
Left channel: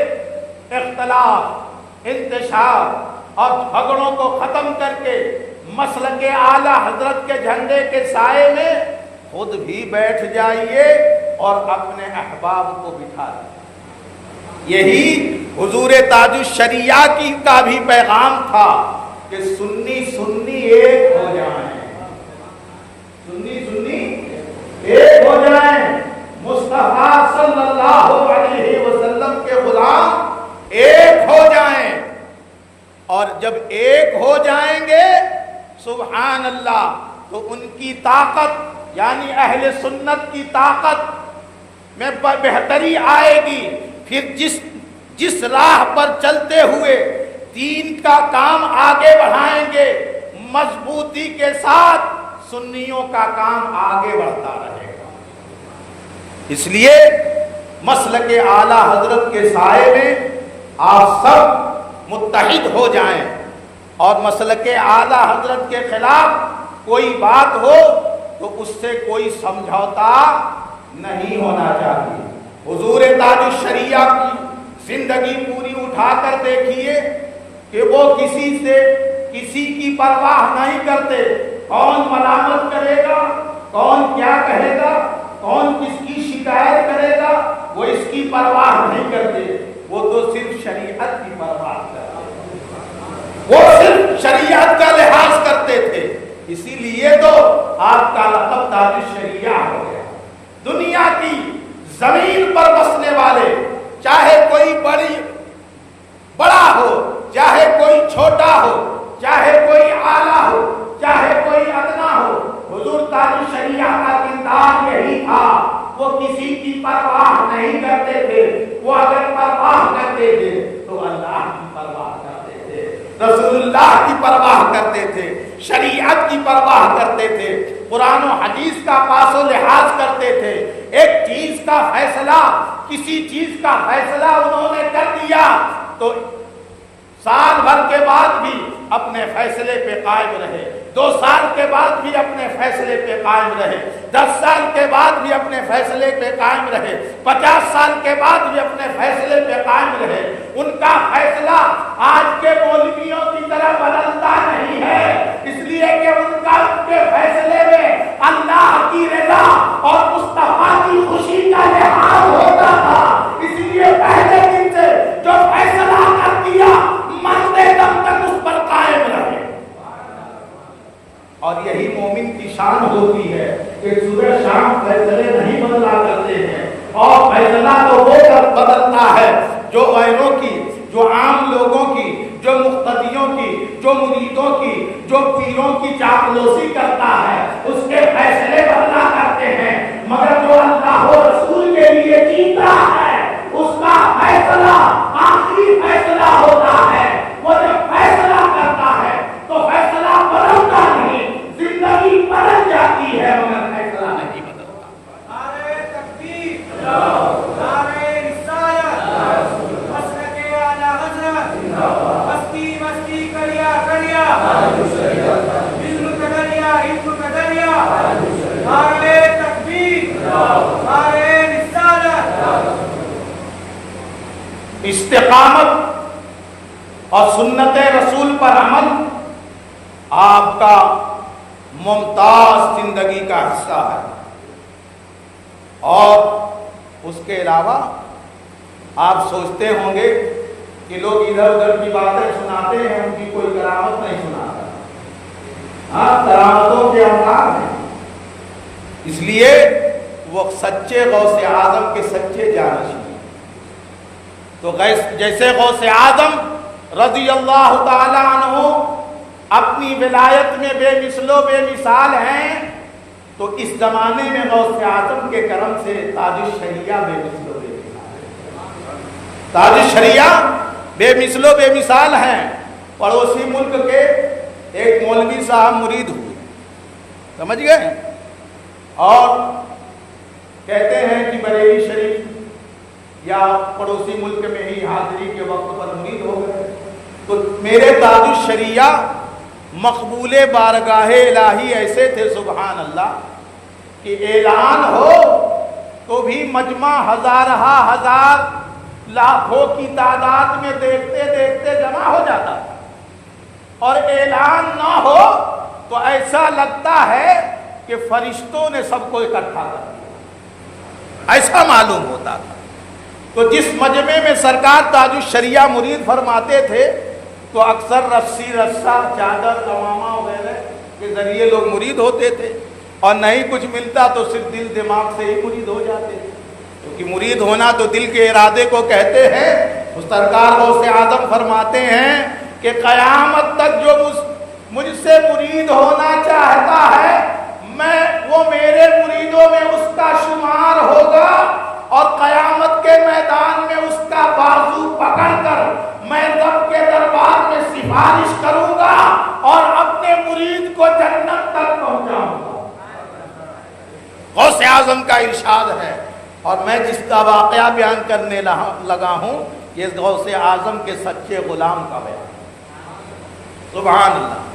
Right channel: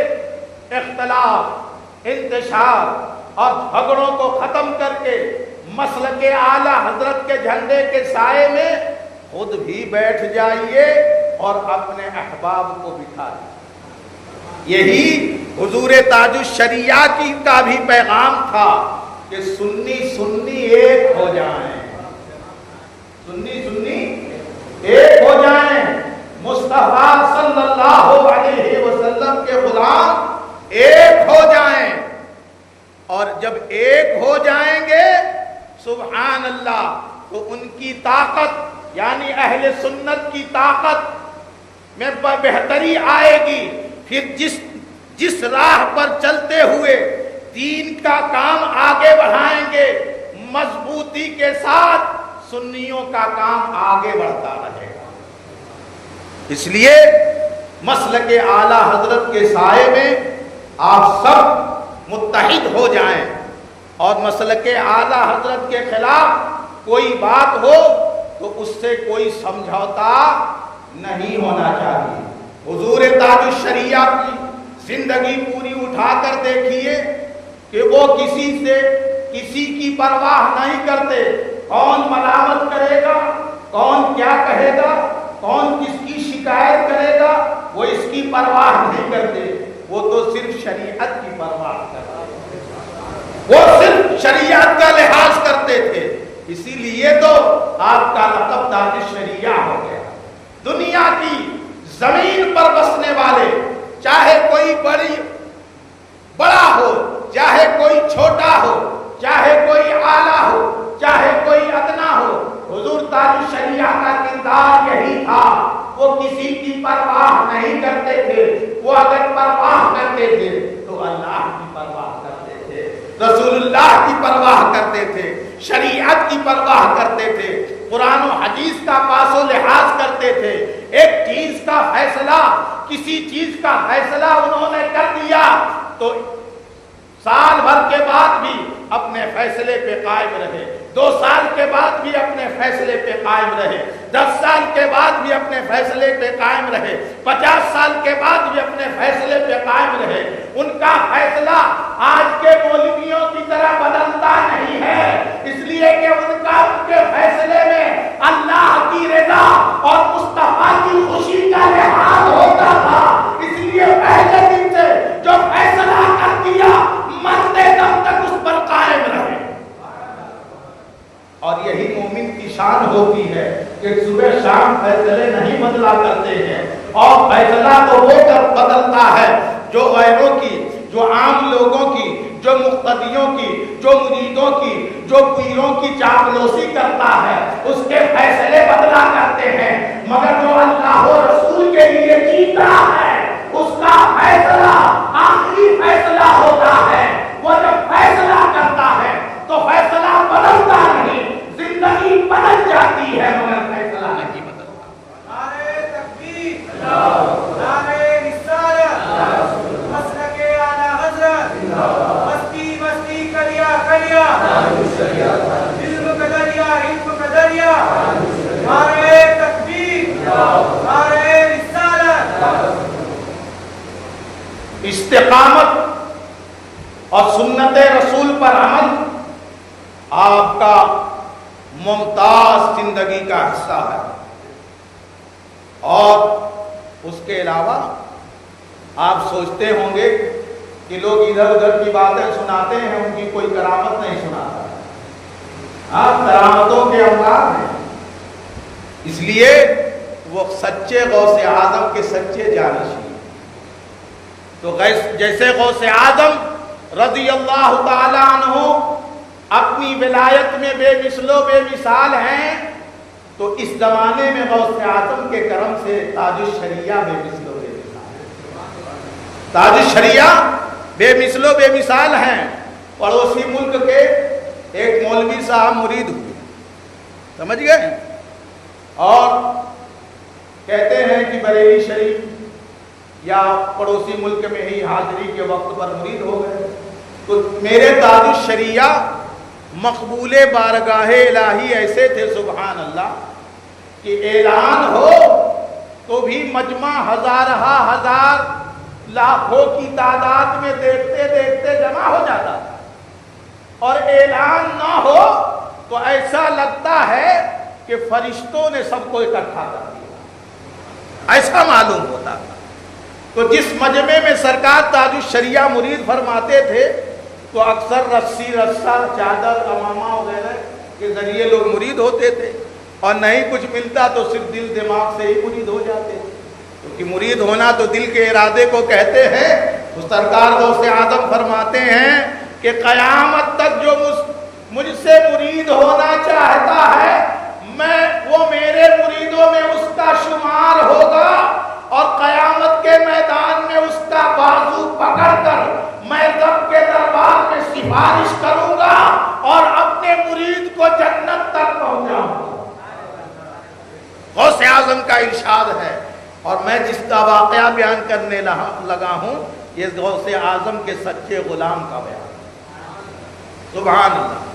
اختلاف، انتشار اور جھگڑوں کو ختم کر کے مسلک اعلیٰ حضرت کے جھنڈے کے سائے میں خود بھی بیٹھ جائیے اور اپنے احباب کو بٹھا دیجیے. یہی حضور تاج الشریعہ کی کا بھی پیغام تھا کہ سنی سنی ایک ہو جائیں، سنی سنی ایک ہو جائیں. مصطفیٰ صلی اللہ علیہ وسلم کے غلام ایک ہو جائیں اور جب ایک ہو جائیں گے سبحان اللہ تو ان کی طاقت یعنی اہل سنت کی طاقت میں بہتری آئے گی. پھر جس راہ پر چلتے ہوئے دین کا کام آگے بڑھائیں گے مضبوطی کے ساتھ سنیوں کا کام آگے بڑھتا رہے گا. اس لیے مسلک اعلیٰ حضرت کے سائے میں آپ سب متحد ہو جائیں اور مسلک اعلیٰ حضرت کے خلاف کوئی بات ہو تو اس سے کوئی سمجھوتا نہیں ہونا چاہیے. حضور تاج الشریعہ کی زندگی پوری اٹھا کر دیکھیے کہ وہ کسی کی پرواہ نہیں کرتے. کون ملامت کرے گا، کون کیا کہے گا، کون کس کی شکایت کرے گا، وہ اس کی پرواہ نہیں کرتے. وہ تو صرف شریعت کی پرواہ کرتے، وہ صرف شریعت کا لحاظ کرتے تھے. اسی لیے تو آپ کا لقب تاج الشریعہ ہو گیا. دنیا کی زمین پر بسنے والے چاہے کوئی بڑا ہو چاہے کوئی چھوٹا ہو، چاہے کوئی اعلیٰ ہو، چاہے کوئی ادنا ہو، حضور تاج شریعہ کا کردار یہی تھا۔ وہ کسی کی پرواہ نہیں کرتے تھے، وہ اگر پرواہ کرتے تھے تو اللہ کی پرواہ کرتے تھے، رسول اللہ کی پرواہ کرتے تھے، شریعت کی پرواہ کرتے تھے، قرآن و حدیث کا پاس و لحاظ کرتے تھے۔ ایک چیز کا فیصلہ، کسی چیز کا فیصلہ انہوں نے کر دیا تو سال بھر کے بعد بھی اپنے فیصلے پہ قائم رہے، 2 سال کے بعد بھی اپنے فیصلے پہ قائم رہے، 10 سال کے بعد بھی اپنے فیصلے پہ قائم رہے، 50 سال کے بعد بھی اپنے فیصلے پہ قائم رہے۔ ان کا فیصلہ آج کے مولویوں کی طرح بدلتا نہیں ہے، اس لیے کہ ان کے فیصلے میں اللہ کی رضا اور مصطفیٰ کی خوشی کا لحاظ ہوتا تھا، اس لیے پہلے دن سے جو فیصلہ کر دیا مرتے دم تک اس پر قائم رہے۔ اور یہی مومن کی شان ہوتی ہے کہ صبح شام فیصلے نہیں بدلا کرتے ہیں، اور فیصلہ تو وہ بدلتا ہے جو غیروں کی، جو عام لوگوں کی، جو مقتدیوں کی، جو مریدوں کی، جو پیروں کی چاپلوسی کرتا ہے، اس کے فیصلے بدلا کرتے ہیں، مگر جو اللہ و رسول کے لیے جیتا ہے اس کا فیصلہ آخری فیصلہ ہوتا ہے۔ وہ جب فیصلہ کرتا ہے تو فیصلہ بدلتا نہیں، زندگی بدل جاتی ہے مگر فیصلہ نہیں بدلتا۔ نعرہ تکبیر، نعرہ رسالت، مسلک اعلی حضرت، مستی کریا، علم کا دریا، نعرہ تکبیر، نعرہ رسالت۔ استقامت اور سنت رسول پر عمل آپ کا ممتاز زندگی کا حصہ ہے، اور اس کے علاوہ آپ سوچتے ہوں گے کہ لوگ ادھر ادھر کی باتیں سناتے ہیں، ان کی کوئی کرامت نہیں سناتا، آپ کرامتوں کے اولاد ہیں، اس لیے وہ سچے غوث اعظم کے سچے جانشین۔ تو جیسے غوث اعظم رضی اللہ تعالی عنہ اپنی ولایت میں بے مثل و بے مثال ہیں، تو اس زمانے میں غوث اعظم کے کرم سے تاج الشریعہ بے مثل و بے مثال ہے۔ تاج الشریعہ بے مثل و بے مثال ہیں۔ پڑوسی ملک کے ایک مولوی صاحب مرید ہوئے، سمجھ گئے، اور کہتے ہیں کہ بریلی شریف یا پڑوسی ملک میں ہی حاضری کے وقت پر مرید ہو گئے، تو میرے تاج الشریعہ مقبول بارگاہ الہی ایسے تھے سبحان اللہ کہ اعلان ہو تو بھی مجمع ہزار لاکھوں کی تعداد میں دیکھتے دیکھتے جمع ہو جاتا تھا، اور اعلان نہ ہو تو ایسا لگتا ہے کہ فرشتوں نے سب کو اکٹھا کر دیا، ایسا معلوم ہوتا تھا۔ تو جس مجمع میں سرکار تاج الشریعہ مرید فرماتے تھے تو اکثر رسی رسا چادر امامہ وغیرہ کے ذریعے لوگ مرید ہوتے تھے، اور نہیں کچھ ملتا تو صرف دل دماغ سے ہی مرید ہو جاتے تھے، کیونکہ مرید ہونا تو دل کے ارادے کو کہتے ہیں۔ اس سرکار غوث اعظم فرماتے ہیں کہ قیامت تک جو مجھ سے مرید ہونا چاہتا ہے وہ میرے مریدوں میں اس کا شمار ہوگا، اور قیامت کے میدان میں اس کا بازو پکڑ کر میں رب کے دربار میں سفارش کروں گا اور اپنے مرید کو جنت تک پہنچاؤں گا۔ غوث اعظم کا ارشاد ہے، اور میں جس کا واقعہ بیان کرنے لگا ہوں یہ غوث اعظم کے سچے غلام کا بیان، سبحان اللہ۔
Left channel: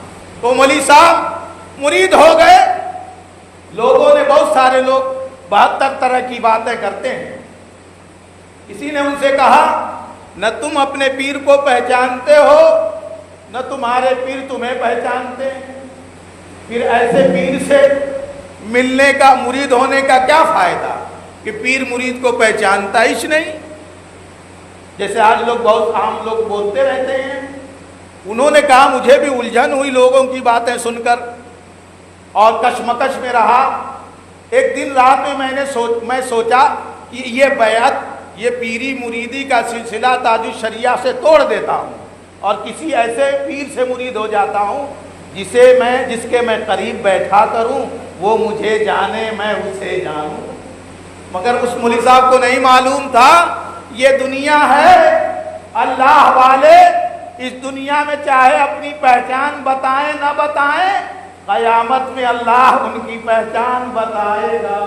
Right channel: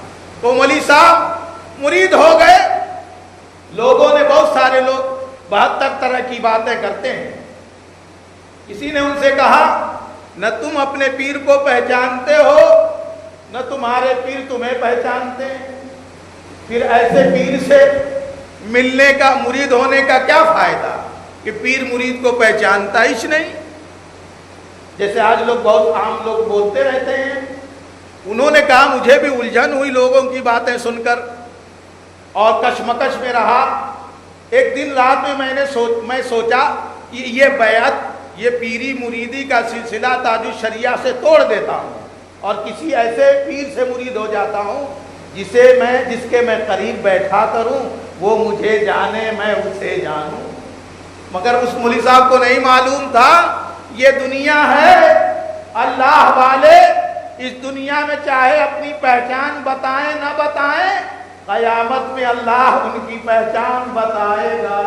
تو مولوی صاحب مرید ہو گئے، لوگوں نے، بہت سارے لوگ 72 طرح کی باتیں کرتے ہیں۔ کسی نے ان سے کہا نہ تم اپنے پیر کو پہچانتے ہو نہ تمہارے پیر تمہیں پہچانتے ہیں، پھر ایسے پیر سے ملنے کا، مرید ہونے کا کیا فائدہ کہ پیر مرید کو پہچانتا ہی نہیں؟ جیسے آج لوگ، بہت عام لوگ بولتے رہتے ہیں۔ انہوں نے کہا مجھے بھی الجھن ہوئی لوگوں کی باتیں سن کر اور کشمکش میں رہا۔ ایک دن رات میں میں سوچا کہ یہ بیعت، یہ پیری مریدی کا سلسلہ تاج الشریعہ سے توڑ دیتا ہوں، اور کسی ایسے پیر سے مرید ہو جاتا ہوں جس کے میں قریب بیٹھا کروں، وہ مجھے جانے میں اسے جانوں۔ مگر اس مولوی صاحب کو نہیں معلوم تھا یہ دنیا ہے، اللہ والے اس دنیا میں چاہے اپنی پہچان بتائیں نہ بتائیں، قیامت میں اللہ ان کی پہچان بتائے گا،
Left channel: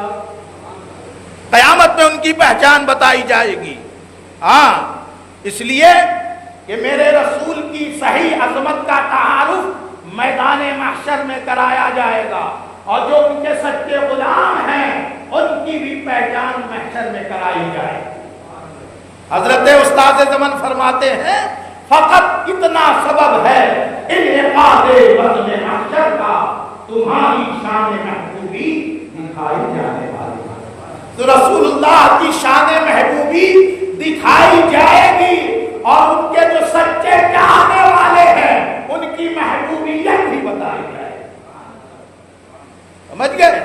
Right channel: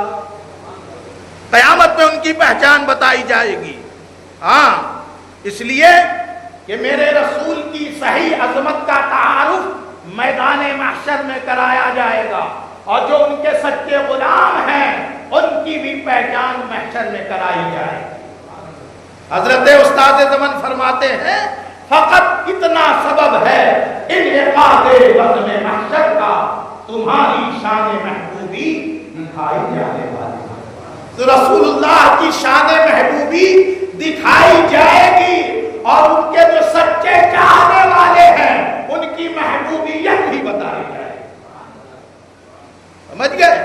قیامت میں ان کی پہچان بتائی جائے گی۔ ہاں، اس لیے کہ میرے رسول کی صحیح عظمت کا تعارف میدان محشر میں کرایا جائے گا، اور جو ان کے سچے غلام ہیں ان کی بھی پہچان محشر میں کرائی جائے گی۔ حضرت استاد زمن فرماتے ہیں فقط اتنا سبب ہے انعقاد بزم محشر کا، تمہاری شان محبوبی دکھائی جانے والی، تو رسول اللہ کی شان محبوبی دکھائی جائے گی، اور ان کے جو سچے چاہنے والے ہیں ان کی محبوبیت بھی بتائی جائے گی۔ سمجھ گئے؟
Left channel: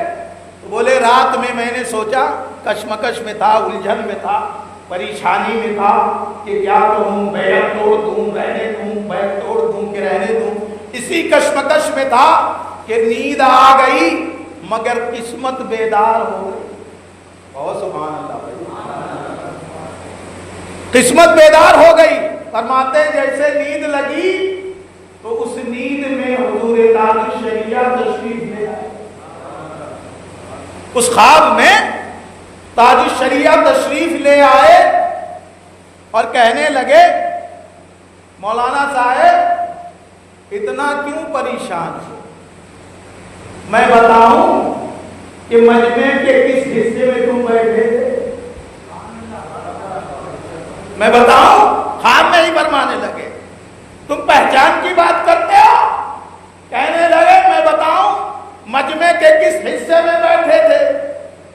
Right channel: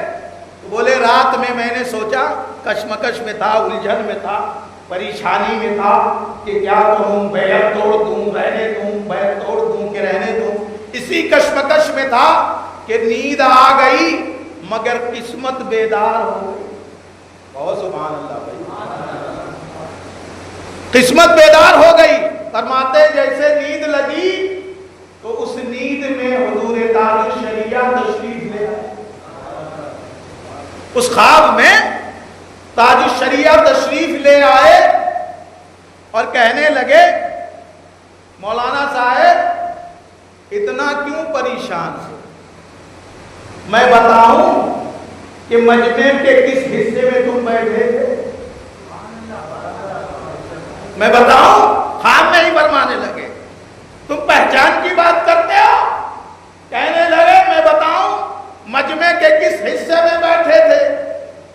تو بولے رات میں نے سوچا، کشمکش میں تھا، الجھن میں تھا، پریشانی میں تھا کہ کیا کروں، بیعت توڑ دوں رہنے دوں، بیعت توڑ دوں کہ رہنے دوں، اسی کشمکش میں تھا کہ نیند آ گئی مگر قسمت بیدار ہو گئی۔ بہت سبحان اللہ بھائی، قسمت بیدار ہو گئی۔ فرماتے جیسے نیند لگی تو اس نیند میں حضور تاج الشریعہ تشریف لے آئے، اس خواب میں تاج الشریعہ تشریف لے آئے اور کہنے لگے مولانا صاحب اتنا کیوں پریشان ہو؟ میں بتاؤں کہ مجمع کے کس حصے میں تم بیٹھے تھے؟ میں بتاؤں؟ خواب میں ہی فرمانے لگے تم پہچان کی بات کرتے ہو؟ کہنے لگے میں بتاؤں مجمع کے کس حصے میں بیٹھے تھے،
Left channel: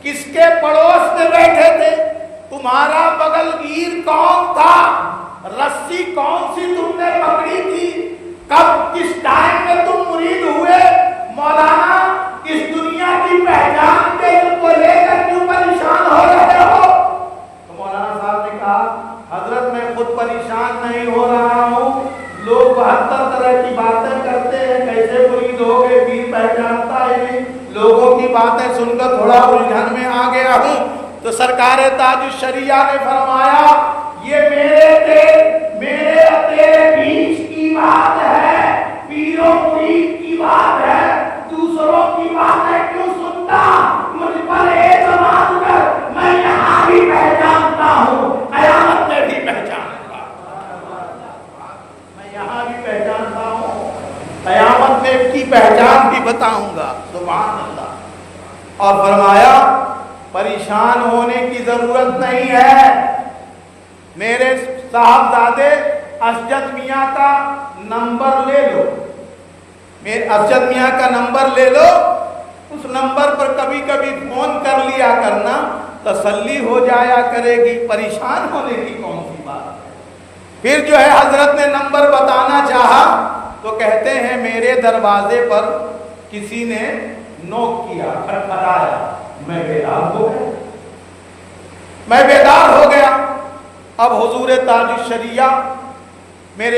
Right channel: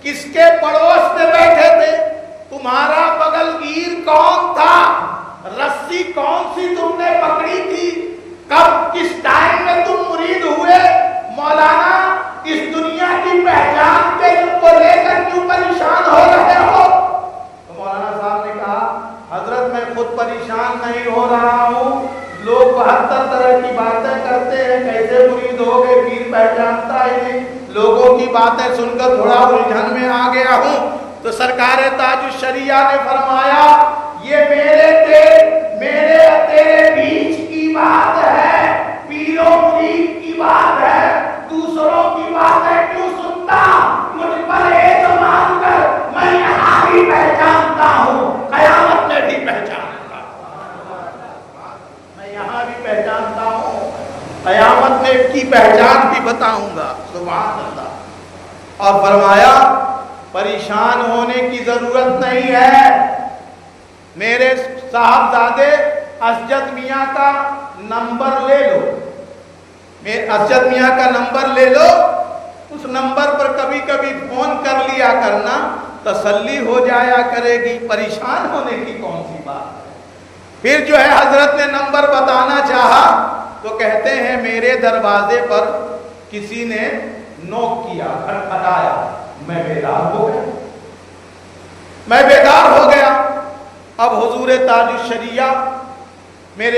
کس کے پڑوس میں بیٹھے تھے، تمہارا بغل گیر کون تھا، رسی کون سی تم نے پکڑی تھی، کب کس ٹائم میں تم مرید ہوئے؟ مولانا اس دنیا کی پہچان کے کو لے کر کیوں پریشان ہو رہے ہو؟ تو مولانا صاحب نے کہا حضرت میں خود پریشان نہیں ہو رہا ہوں، لوگ 72 طرح کی باتیں کرتے ہیں، کیسے مرید ہو گئے، پیر پہچانتا ہے نہیں، لوگوں کی باتیں سن کر تھوڑا الجھن میں آ گیا ہوں۔ تو سرکار تاج الشریعہ نے فرمایا یہ میرے تیرے بیچ کی بات ہے، پیروں مرید کی بات ہے، دوسروں کی باتیں کیوں سنتا؟ مجھ پر اعتماد کر، میں یہاں بھی پہچانتا ہوں، قیامت میں بھی پہچانوں گا، میں یہاں بھی پہچانتا ہوں، قیامت میں کی پہچان بھی بتاؤں گا۔ سبحان اللہ۔ اور فرمایا پریشان ہونے کی ضرورت نہیں ہے، میرے صاحبزادے اسجد میاں کا نمبر لے لو، اسجد میاں کا نمبر لے لو، اس نمبر پر کبھی کبھی فون کر لیا کرنا، تسلی ہو جایا کرے گی، پریشان ہونے کی کون سی بات۔ پھر جو ہے حضرت نے نمبر بتانا چاہا تو کہتے ہیں میرے دروازے پر کسی نے نوک کیا، کھٹکھٹایا، میں بیدار ہو گیا۔ اب حضور تاج الشریعہ میں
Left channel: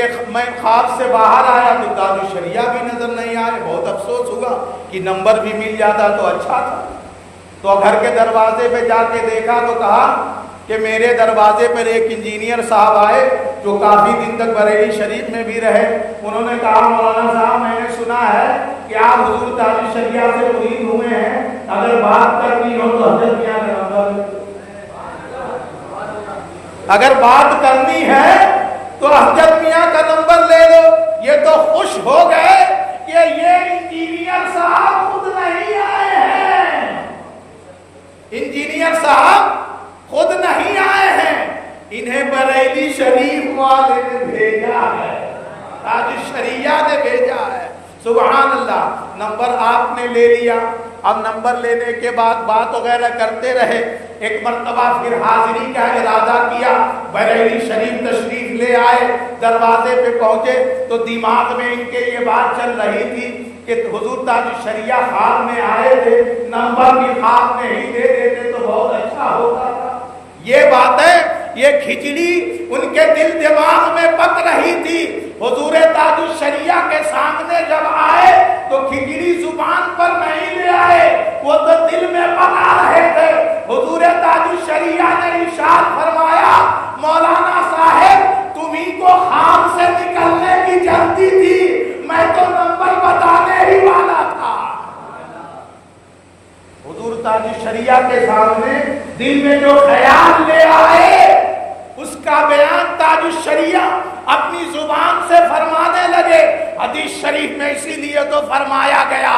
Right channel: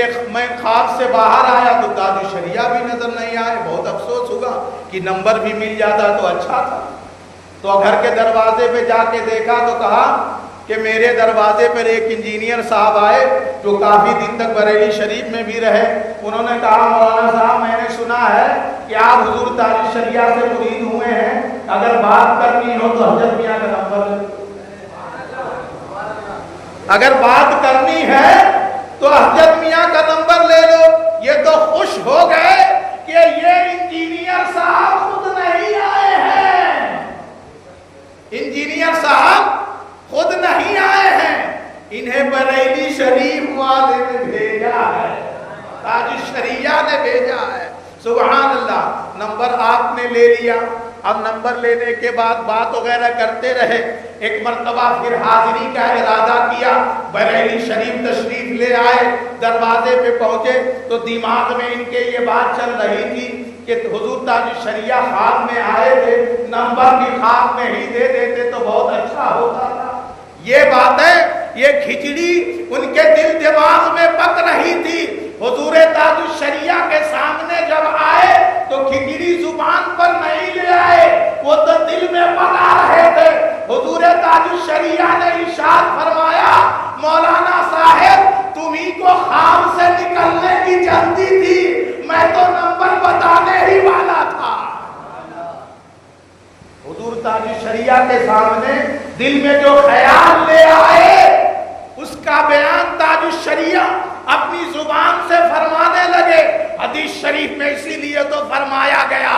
خواب سے باہر آیا تو تاج الشریعہ بھی نظر نہیں آئے، بہت افسوس ہوا کہ نمبر بھی مل جاتا تو اچھا تھا۔ تو گھر کے دروازے پہ جا کے دیکھا تو کہا کہ میرے دروازے پر ایک انجینئر صاحب آئے جو کافی دن تک بریلی شریف میں بھی رہے، انہوں نے کہا مولانا صاحب میں نے سنا ہے کہ آپ حضور تاج الشریعہ سے مرید ہوئے ہیں، اگر بات کرنی ہو تو حضرت میاں کا نمبر لے لو، اگر بات کرنی ہے تو حضرت میاں کا نمبر لے لو۔ یہ تو خوش ہو گئے کہ یہ انجینئر صاحب خود نہیں آئے ہیں، انجینئر صاحب خود نہیں آئے ہیں، انہیں بریلی شریف والے نے بھیجا ہے، تاج الشریعہ نے بھیجا ہے۔ سبحان اللہ۔ نمبر آپ نے لے لیا، اب نمبر لینے کے بعد بات وغیرہ کرتے رہے، ایک مرتبہ پھر حاضری کا ارادہ کیا، بریلی شریف تشریف لے آئے، دروازے پہ پہنچے تو دماغ میں ان کے یہ بات چل رہی تھی کہ حضور تاج الشریعہ خواب میں آئے تھے، نمبر بھی خواب میں ہی دے دیتے تو بہت اچھا ہوتا تھا۔ یہ باتیں یہ کھچڑی ان کے دل دماغ میں پک رہی تھی. حضور تاج الشریعہ کے سامنے جب آئے تو کھچڑی زبان پر نہیں لے آئے, وہ تو دل میں پکا رہے تھے. حضور تاج الشریعہ نے ارشاد فرمایا, مولانا صاحب تمہیں کو خواب سے نکلنے کی جلدی تھی, میں تو نمبر بتانے ہی والا تھا. حضور تاج الشریعہ کے سامنے دل میں جو خیال لے آئے اس کا بیان تاج الشریعہ اپنی زبان سے فرمانے لگے. حدیث شریف میں اسی لیے تو فرمایا گیا,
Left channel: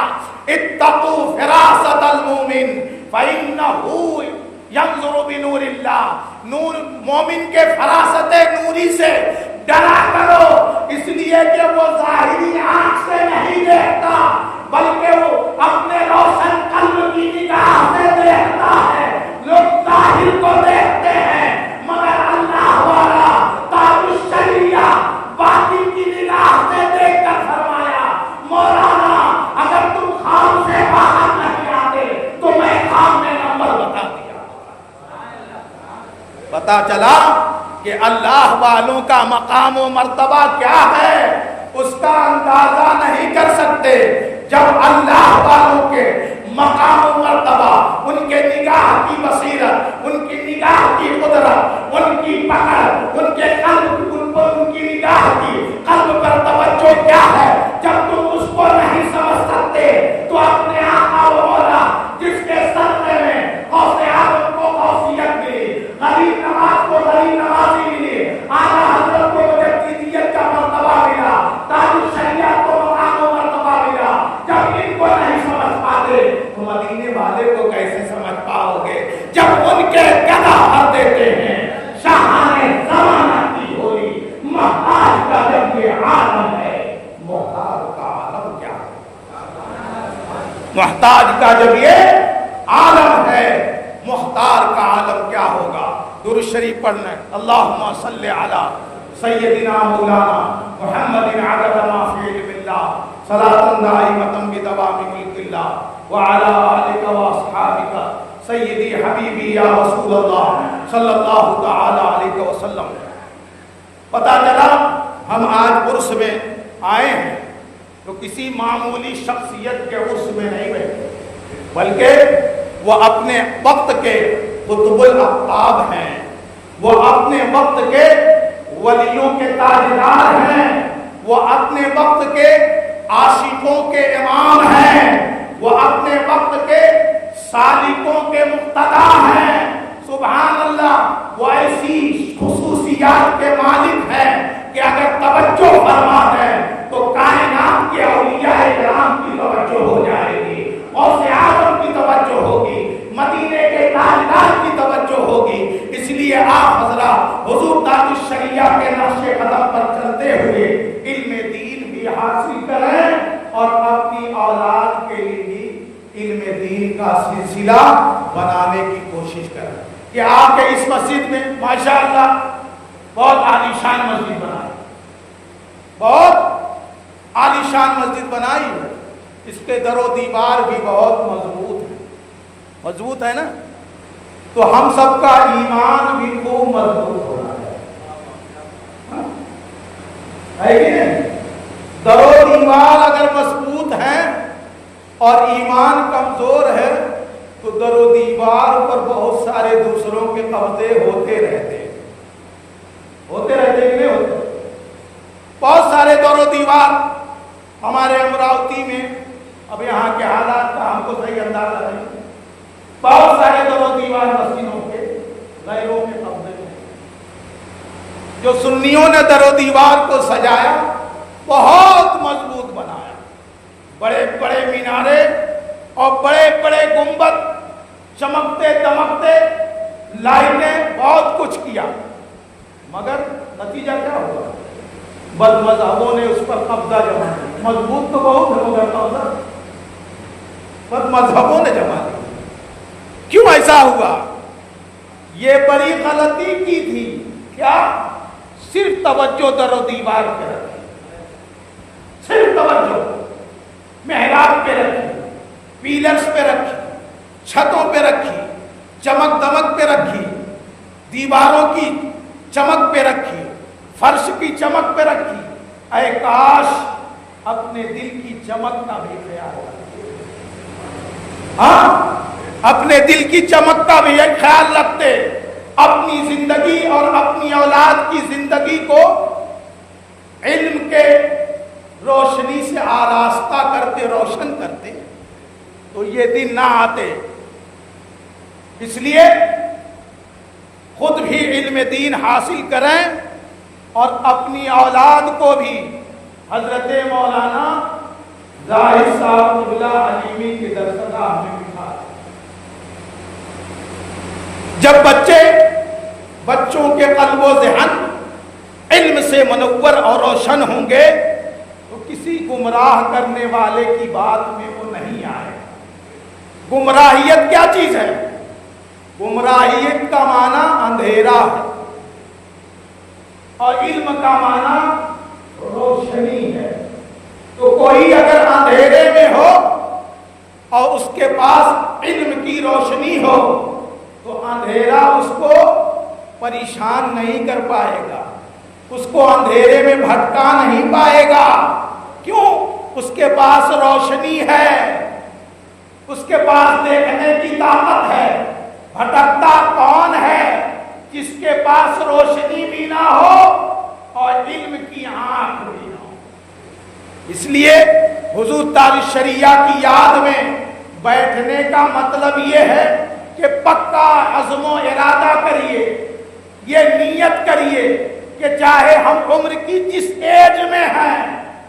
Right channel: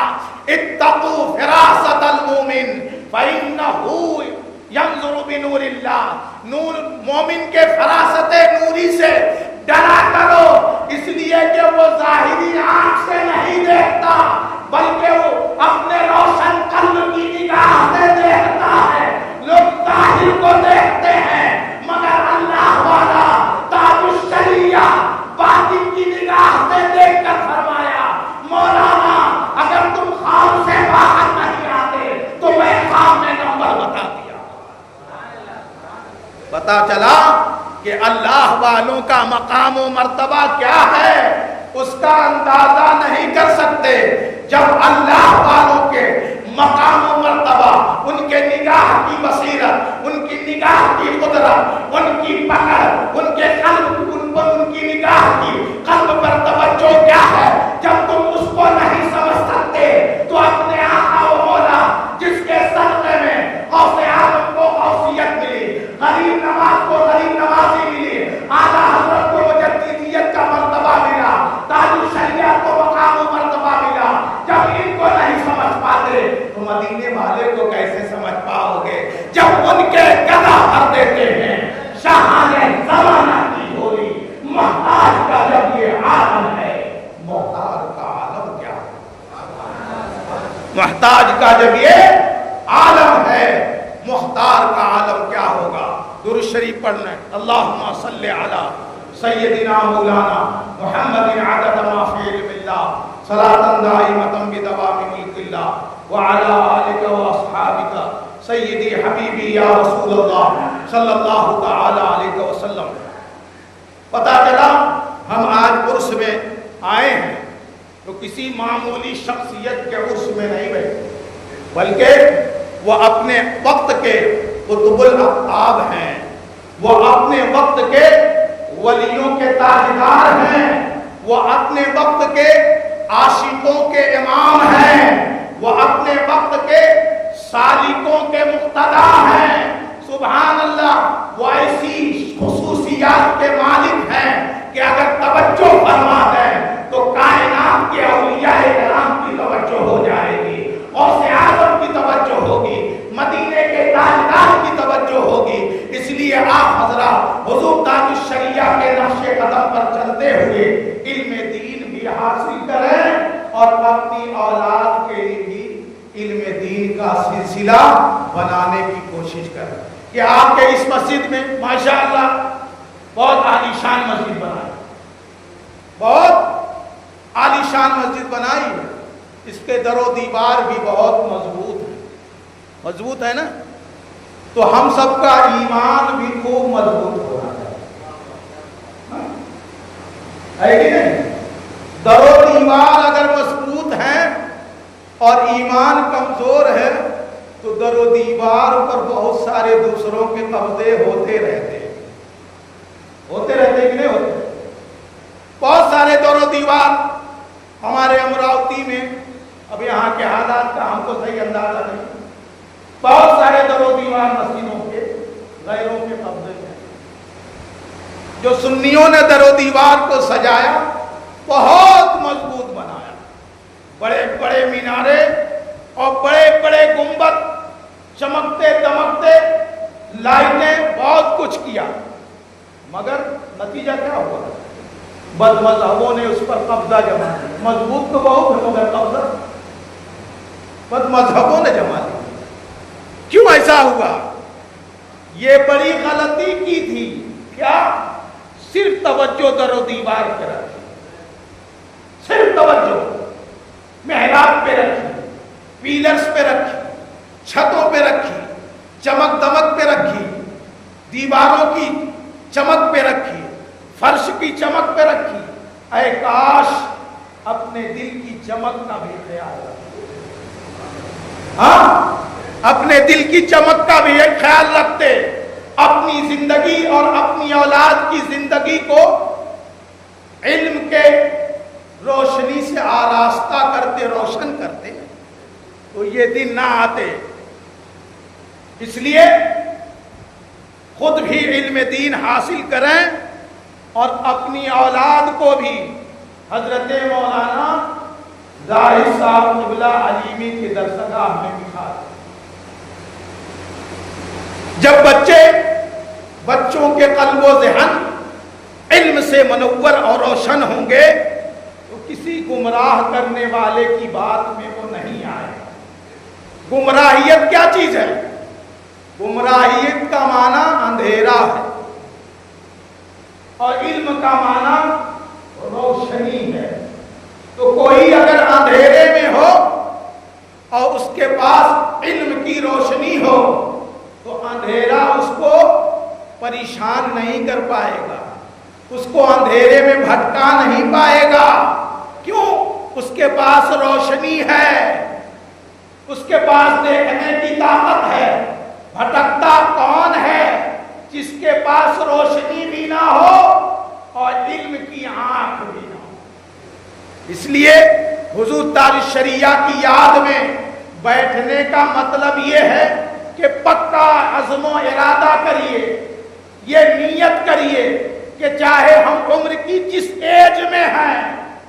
اتقوا فراست المومن فإنہ ینظر بنور اللہ. نور مومن کے فراست نوری سے ڈرا کرو, اس لیے کہ وہ ظاہری آنکھ سے نہیں دیکھتا بلکہ وہ اپنے روشن قلب کی نگاہ سے دیکھتا ہے. لوگ ظاہر کو دیکھتے ہیں مگر اللہ والا تاج الشریعہ باطن کی نگاہ سے دیکھ کر فرمایا, مولانا اگر تم خواب سے باہر نہیں آتے تو میں خواب میں نمبر بتا دیا. پتا چلا کہ اللہ والوں کا مقام و مرتبہ کیا ہے اس کا اندازہ نہیں کر سکتے. جب اللہ والوں کے مقام و مرتبہ, ان کے نگاہ کی بصیرت, ان کی نگاہ کی قدرت, ان کی پکڑ, ان کے قلب, ان کی نگاہ کی قلب پر توجہ کیا ہے, جب تم اس کو نہیں سمجھ سکتے تو اپنے آقا و مولا جس کے صدقے میں غوث اعظم کو غوثیت ملی, غریب نواز کو غریب نوازی ملی, اعلیٰ حضرت کو مجددیت کا مرتبہ ملا, تاج الشریعہ کو مقام و مرتبہ ملا, جب ان کو نہیں سمجھ پاتے تو مدینے والے کو کیسے سمجھ پاؤ گے جب ان کے گدا بھر دیتے ہیں. شاہانے زمانہ کی ہولی محتاج کا جب یہ عالم ہے, محتاج کا عالم کیا ہے, محتاج کا جب یہ عالم ہے محتاج کا عالم کیا ہوگا. درود شریف پڑھنا ہے. اللہم صلی علی سیدنا مولانا محمد عدد ما فی علم اللہ صلاۃ دائمۃ بدوام ملک اللہ وعلی آلک واصحابک سیدی حبیبی یا رسول اللہ صلی اللہ تعالی علیہ وسلم. پتا چلا ہم آج عرس میں آئے ہیں تو کسی معمولی شخصیت کے عرس میں نہیں بیٹھے, بلکہ وہ اپنے وقت کے قطب الاقطاب ہیں, وہ اپنے وقت کے ولیوں کے تاجدار ہیں, وہ اپنے وقت کے عاشقوں کے امام ہیں, وہ اپنے وقت کے سالکوں کے مقتدا ہیں. سبحان اللہ, وہ ایسی خصوصیات کے مالک ہیں کہ اگر توجہ فرما دیں تو کائنات کے اولیاء کرام کی توجہ ہو جائے گی, غوث اعظم کی توجہ ہوگی, مدینے کے تاجدار کی توجہ ہوگی. اس لیے آپ حضرات حضور تاج الشریعہ کے نقش قدم پر چلتے ہوئے علم دین بھی حاصل کریں اور اپنی اولاد کے لیے بھی علم دین کا سلسلہ بنانے کی کوشش کریں. کہ آپ کے اس مسجد میں ماشاءاللہ بہت عالیشان مسجد بنائی, بہت عالیشان مسجد بنائی ہے. اس کے در و دیوار بھی بہت مضبوط ہے, مضبوط ہے نا. تو ہم سب کا ایمان بھی خوب مضبوط ہونا ہے کہ نہیں. در و دیوار اگر مضبوط ہیں اور ایمان کمزور ہے تو در و دیوار پر بہت سارے دوسروں کے قبضے ہوتے رہتے ہیں, ہوتے رہتے کہ نہیں ہوتے. بہت سارے در و دیوار ہمارے امراوتی میں, اب یہاں کے حالات کا ہم کو صحیح اندازہ نہیں, بہت سارے در و دیوار مسجدوں کے غیروں کے قبضے میں. جو سنیوں نے در و دیوار کو سجایا بہت مضبوط بنایا, بڑے بڑے مینارے اور بڑے بڑے گنبد, چمکتے دمکتے لائٹیں, بہت کچھ کیا, مگر نتیجہ کیا ہوا, بد مذہبوں نے اس پر قبضہ جما لیا. مضبوط تو بہت ہے مگر قبضہ بد مذہبوں نے جما لیا. کیوں ایسا ہوا؟ یہ بڑی غلطی کی تھی. کیا؟ صرف توجہ در و دیوار پہ رکھی, صرف توجہ محراب پہ رکھی, پیلرز پہ رکھی, چھتوں پہ رکھی, چمک دمک پہ رکھی, دیواروں کی چمک پہ رکھی، فرش کی چمک پہ رکھی، اے کاش اپنے دل کی چمک کا بھی خیال رکھتے، ہاں اپنے دل کی چمک کا بھی ایک خیال رکھتے، اپنی زندگی اور اپنی اولاد کی زندگی کو علم کے روشنی سے آراستہ کرتے، روشن کرتے، تو یہ دن نہ آتے۔ اس لیے خود بھی علم دین حاصل کریں اور اپنی اولاد کو بھی حضرت مولانا زاہد صاحب قبلہ علیمی کے درسگاہ میں بٹھا دیں۔ جب بچوں کے قلب و ذہن علم سے منور اور روشن ہوں گے تو کسی گمراہ کرنے والے کی بات میں وہ نہیں آئے گا۔ گمراہیت کیا چیز ہے؟ گمراہیت کا معنی اندھیرا ہے اور علم کا معنی روشنی ہے۔ تو کوئی اگر اندھیرے میں ہو اور اس کے پاس علم کی روشنی ہو تو اندھیرا اس کو پریشان نہیں کر پائے گا، اس کو اندھیرے میں بھٹکا نہیں پائے گا۔ کیوں؟ اس کے پاس روشنی ہے، اس کے پاس دیکھنے کی طاقت ہے۔ بھٹکتا کون ہے؟ جس کے پاس روشنی بھی نہ ہو اور علم کی آنکھ بھی نہ ہو۔ اس لیے حضور تاج الشریعہ کی یاد میں بیٹھنے کا مطلب یہ ہے کہ پکا عزم و ارادہ کریے، یہ نیت کریے کہ چاہے ہم عمر کی جس ایج میں ہیں،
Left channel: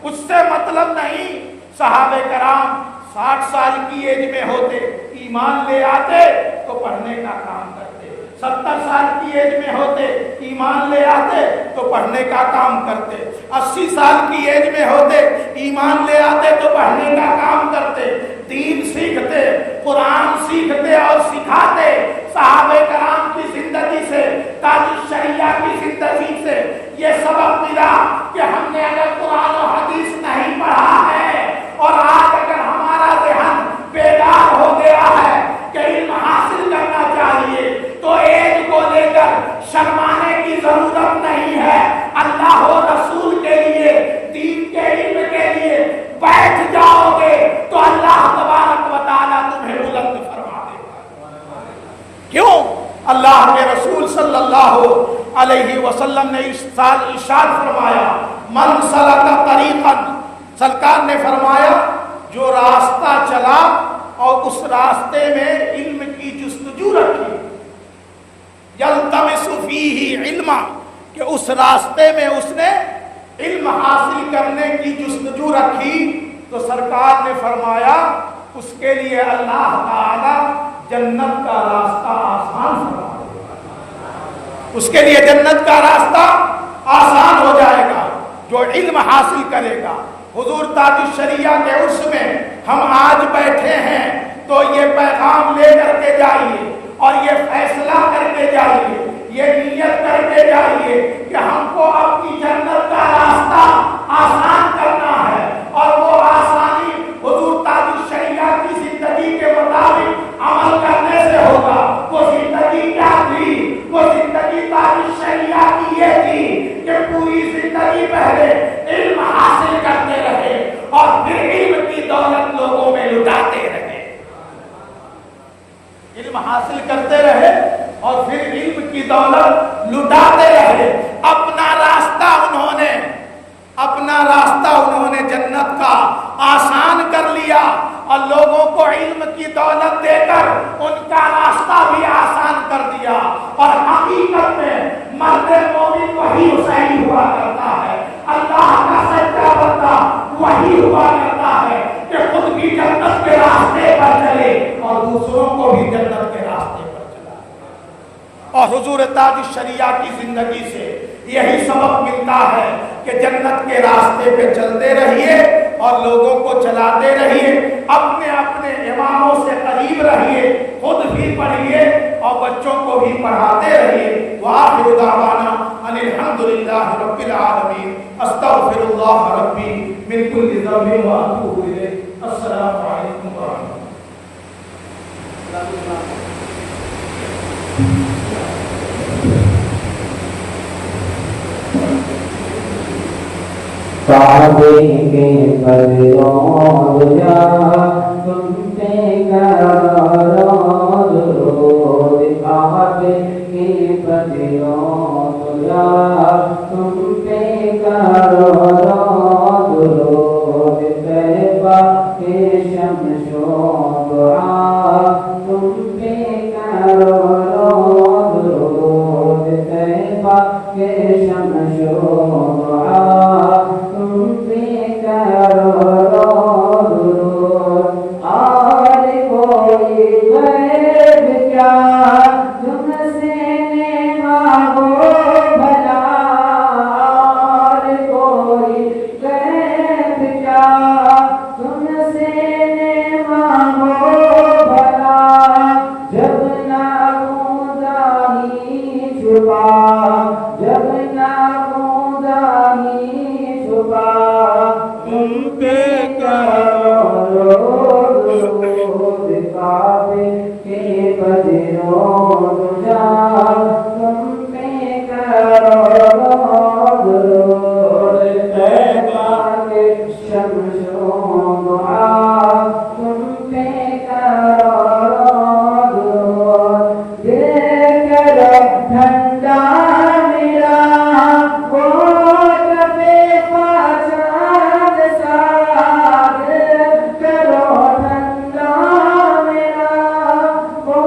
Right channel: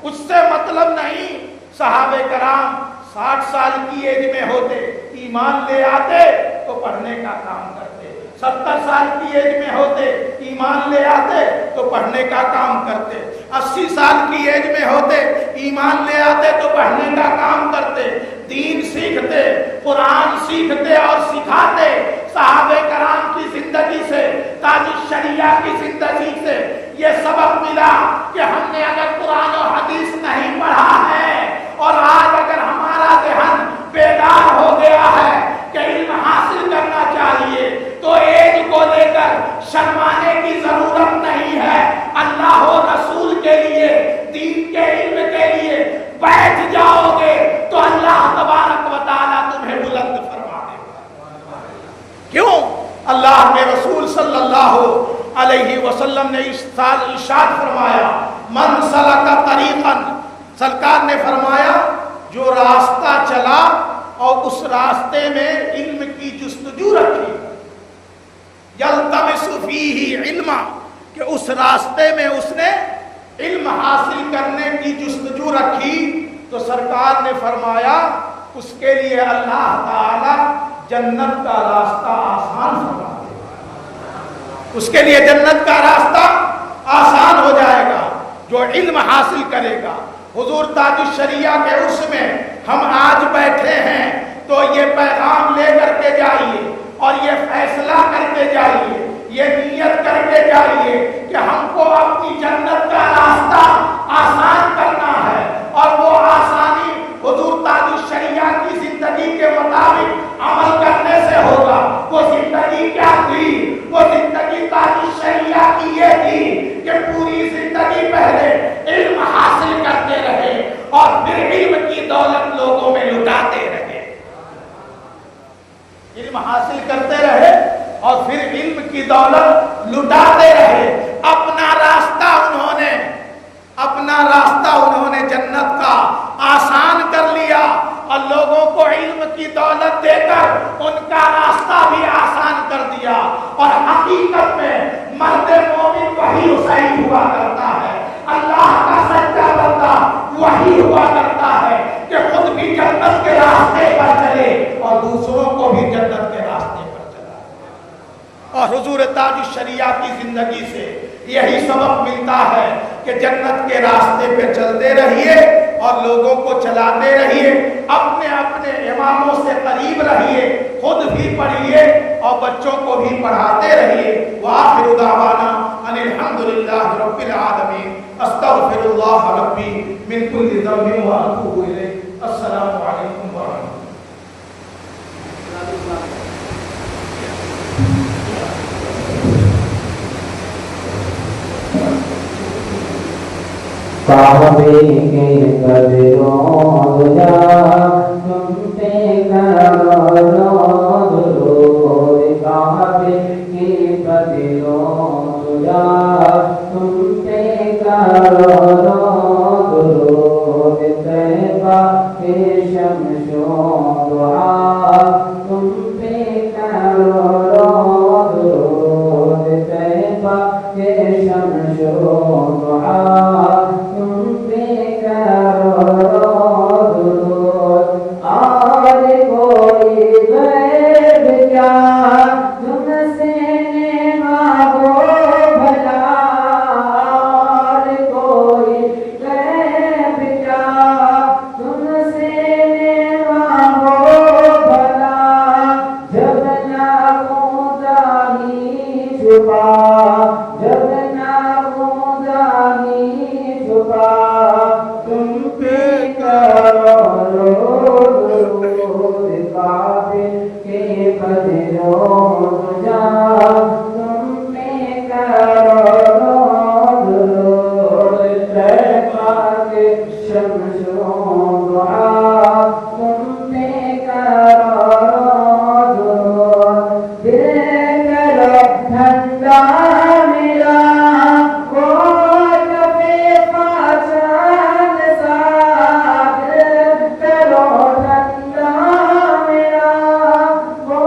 اس سے مطلب نہیں۔ صحابہ کرام 60 سال کی ایج میں ہوتے، ایمان لے آتے تو پڑھنے کا کام کرتے، 70 سال کی ایج میں ہوتے، ایمان لے آتے تو پڑھنے کا کام کرتے، 80 سال کی ایج میں ہوتے، ایمان لے آتے تو پڑھنے کا کام کرتے، دین سیکھتے، قرآن سیکھتے اور سکھاتے۔ صحابہ کرام کی زندگی سے، تاج الشریعہ کی زندگی سے یہ سبق ملا کہ ہم نے اگر قرآن و حدیث نہیں پڑھا ہے اور آج اگر ہمارا ذہن بیدار ہو گیا ہے کہ علم حاصل کرنا چاہیے تو ایج کو لے کر شرمانے کی ضرورت نہیں ہے۔ اللہ و رسول کے لیے، دین کے علم کے لیے بیٹھ جاؤ گے تو اللہ تبارک و تعالیٰ تمہیں بلند فرما دے گا۔ کیوں؟ اللہ کے رسول صلی اللہ علیہ وسلم نے ارشاد فرمایا، من سلک طریقا، سرکار نے فرمایا جو راستہ چلا اور اس راستے میں علم کی جستجو رکھی، یلتمس فیہ علما، کہ اس راستے میں اس نے علم حاصل کرنے کی جستجو رکھی، تو سرکار نے فرمایا اس کے لیے اللہ تعالی جنت کا راستہ آسان فرما دے گا، اس کے لیے جنت کا راستہ آسان ہو جائے گا جو علم حاصل کرے گا۔ حضور تاج الشریعہ کے عرس میں ہم آج بیٹھے ہیں تو یہ پیغام لے کر کے جائیے اور یہ فیصلہ کر کے جائیے، یہ نیت کر کے جائیے کہ ہم کو اپنی جنت کا راستہ آسان کرنا ہے، اور وہ آسانی حضور تاج الشریعہ کی زندگی کے مطابق عمل کرنے سے ہوگا۔ وہ زندگی کیا تھی؟ وہ زندگی تاج الشریعہ کی یہ تھی کہ پوری زندگی پہلے علم حاصل کرتے رہے اور پھر علم کی دولت لوگوں میں لٹاتے رہے، علم حاصل کرتے رہے اور پھر علم کی دولت لٹاتے رہے۔ اپنا راستہ انہوں نے جنت کا آسان کر لیا اور لوگوں کو علم کی دولت دے کر ان کا راستہ بھی آسان کر دیا۔ اور حقیقت میں مرد مومن وہی حسین ہوا کرتا ہے، اللہ کا سچا بندہ وہی ہوا کرتا ہے کہ خود بھی جنت کے راستے پر چلے اور دوسروں کو بھی جنت کے راستے پر چلا۔ اور حضور تاج الشریعہ کی زندگی سے یہی سبق ملتا ہے کہ جنت کے راستے پہ چلتے رہیے اور لوگوں کو چلاتے رہیے، اپنے اپنے اماموں سے قریب رہیے، خود بھی پڑھیے اور بچوں کو بھی پڑھاتے رہیے۔ وآخر دعوانا ان الحمدللہ رب العالمین، استغفر اللہ ربی من کل ذنب واتوب الیہ۔ السلام علیکم ورحمۃ اللہ۔ بدرود تم پہ کرو درود کعبے کی بدرود تم پہ کرو درود طیبہ کے شمس و دعا تم پہ کرو درود طیبہ کے شمس و دعا تم پہ کرو درود اور کوئی غیب کیا تم سے مانگو بھلا اور کوئی غیب کیا تم سے مانگو بھلا جب نہ خدائی چھپا جب نہ خدائی چھپا تم پہ کرو درود کعبے کے بدرود تم پہ کرو درود طیبہ کے شمس و دعا تم پہ کرو درود دل کرو ٹھنڈا میرا وہ کبھی پہچان سا دل کرو ٹھنڈا میرا وہ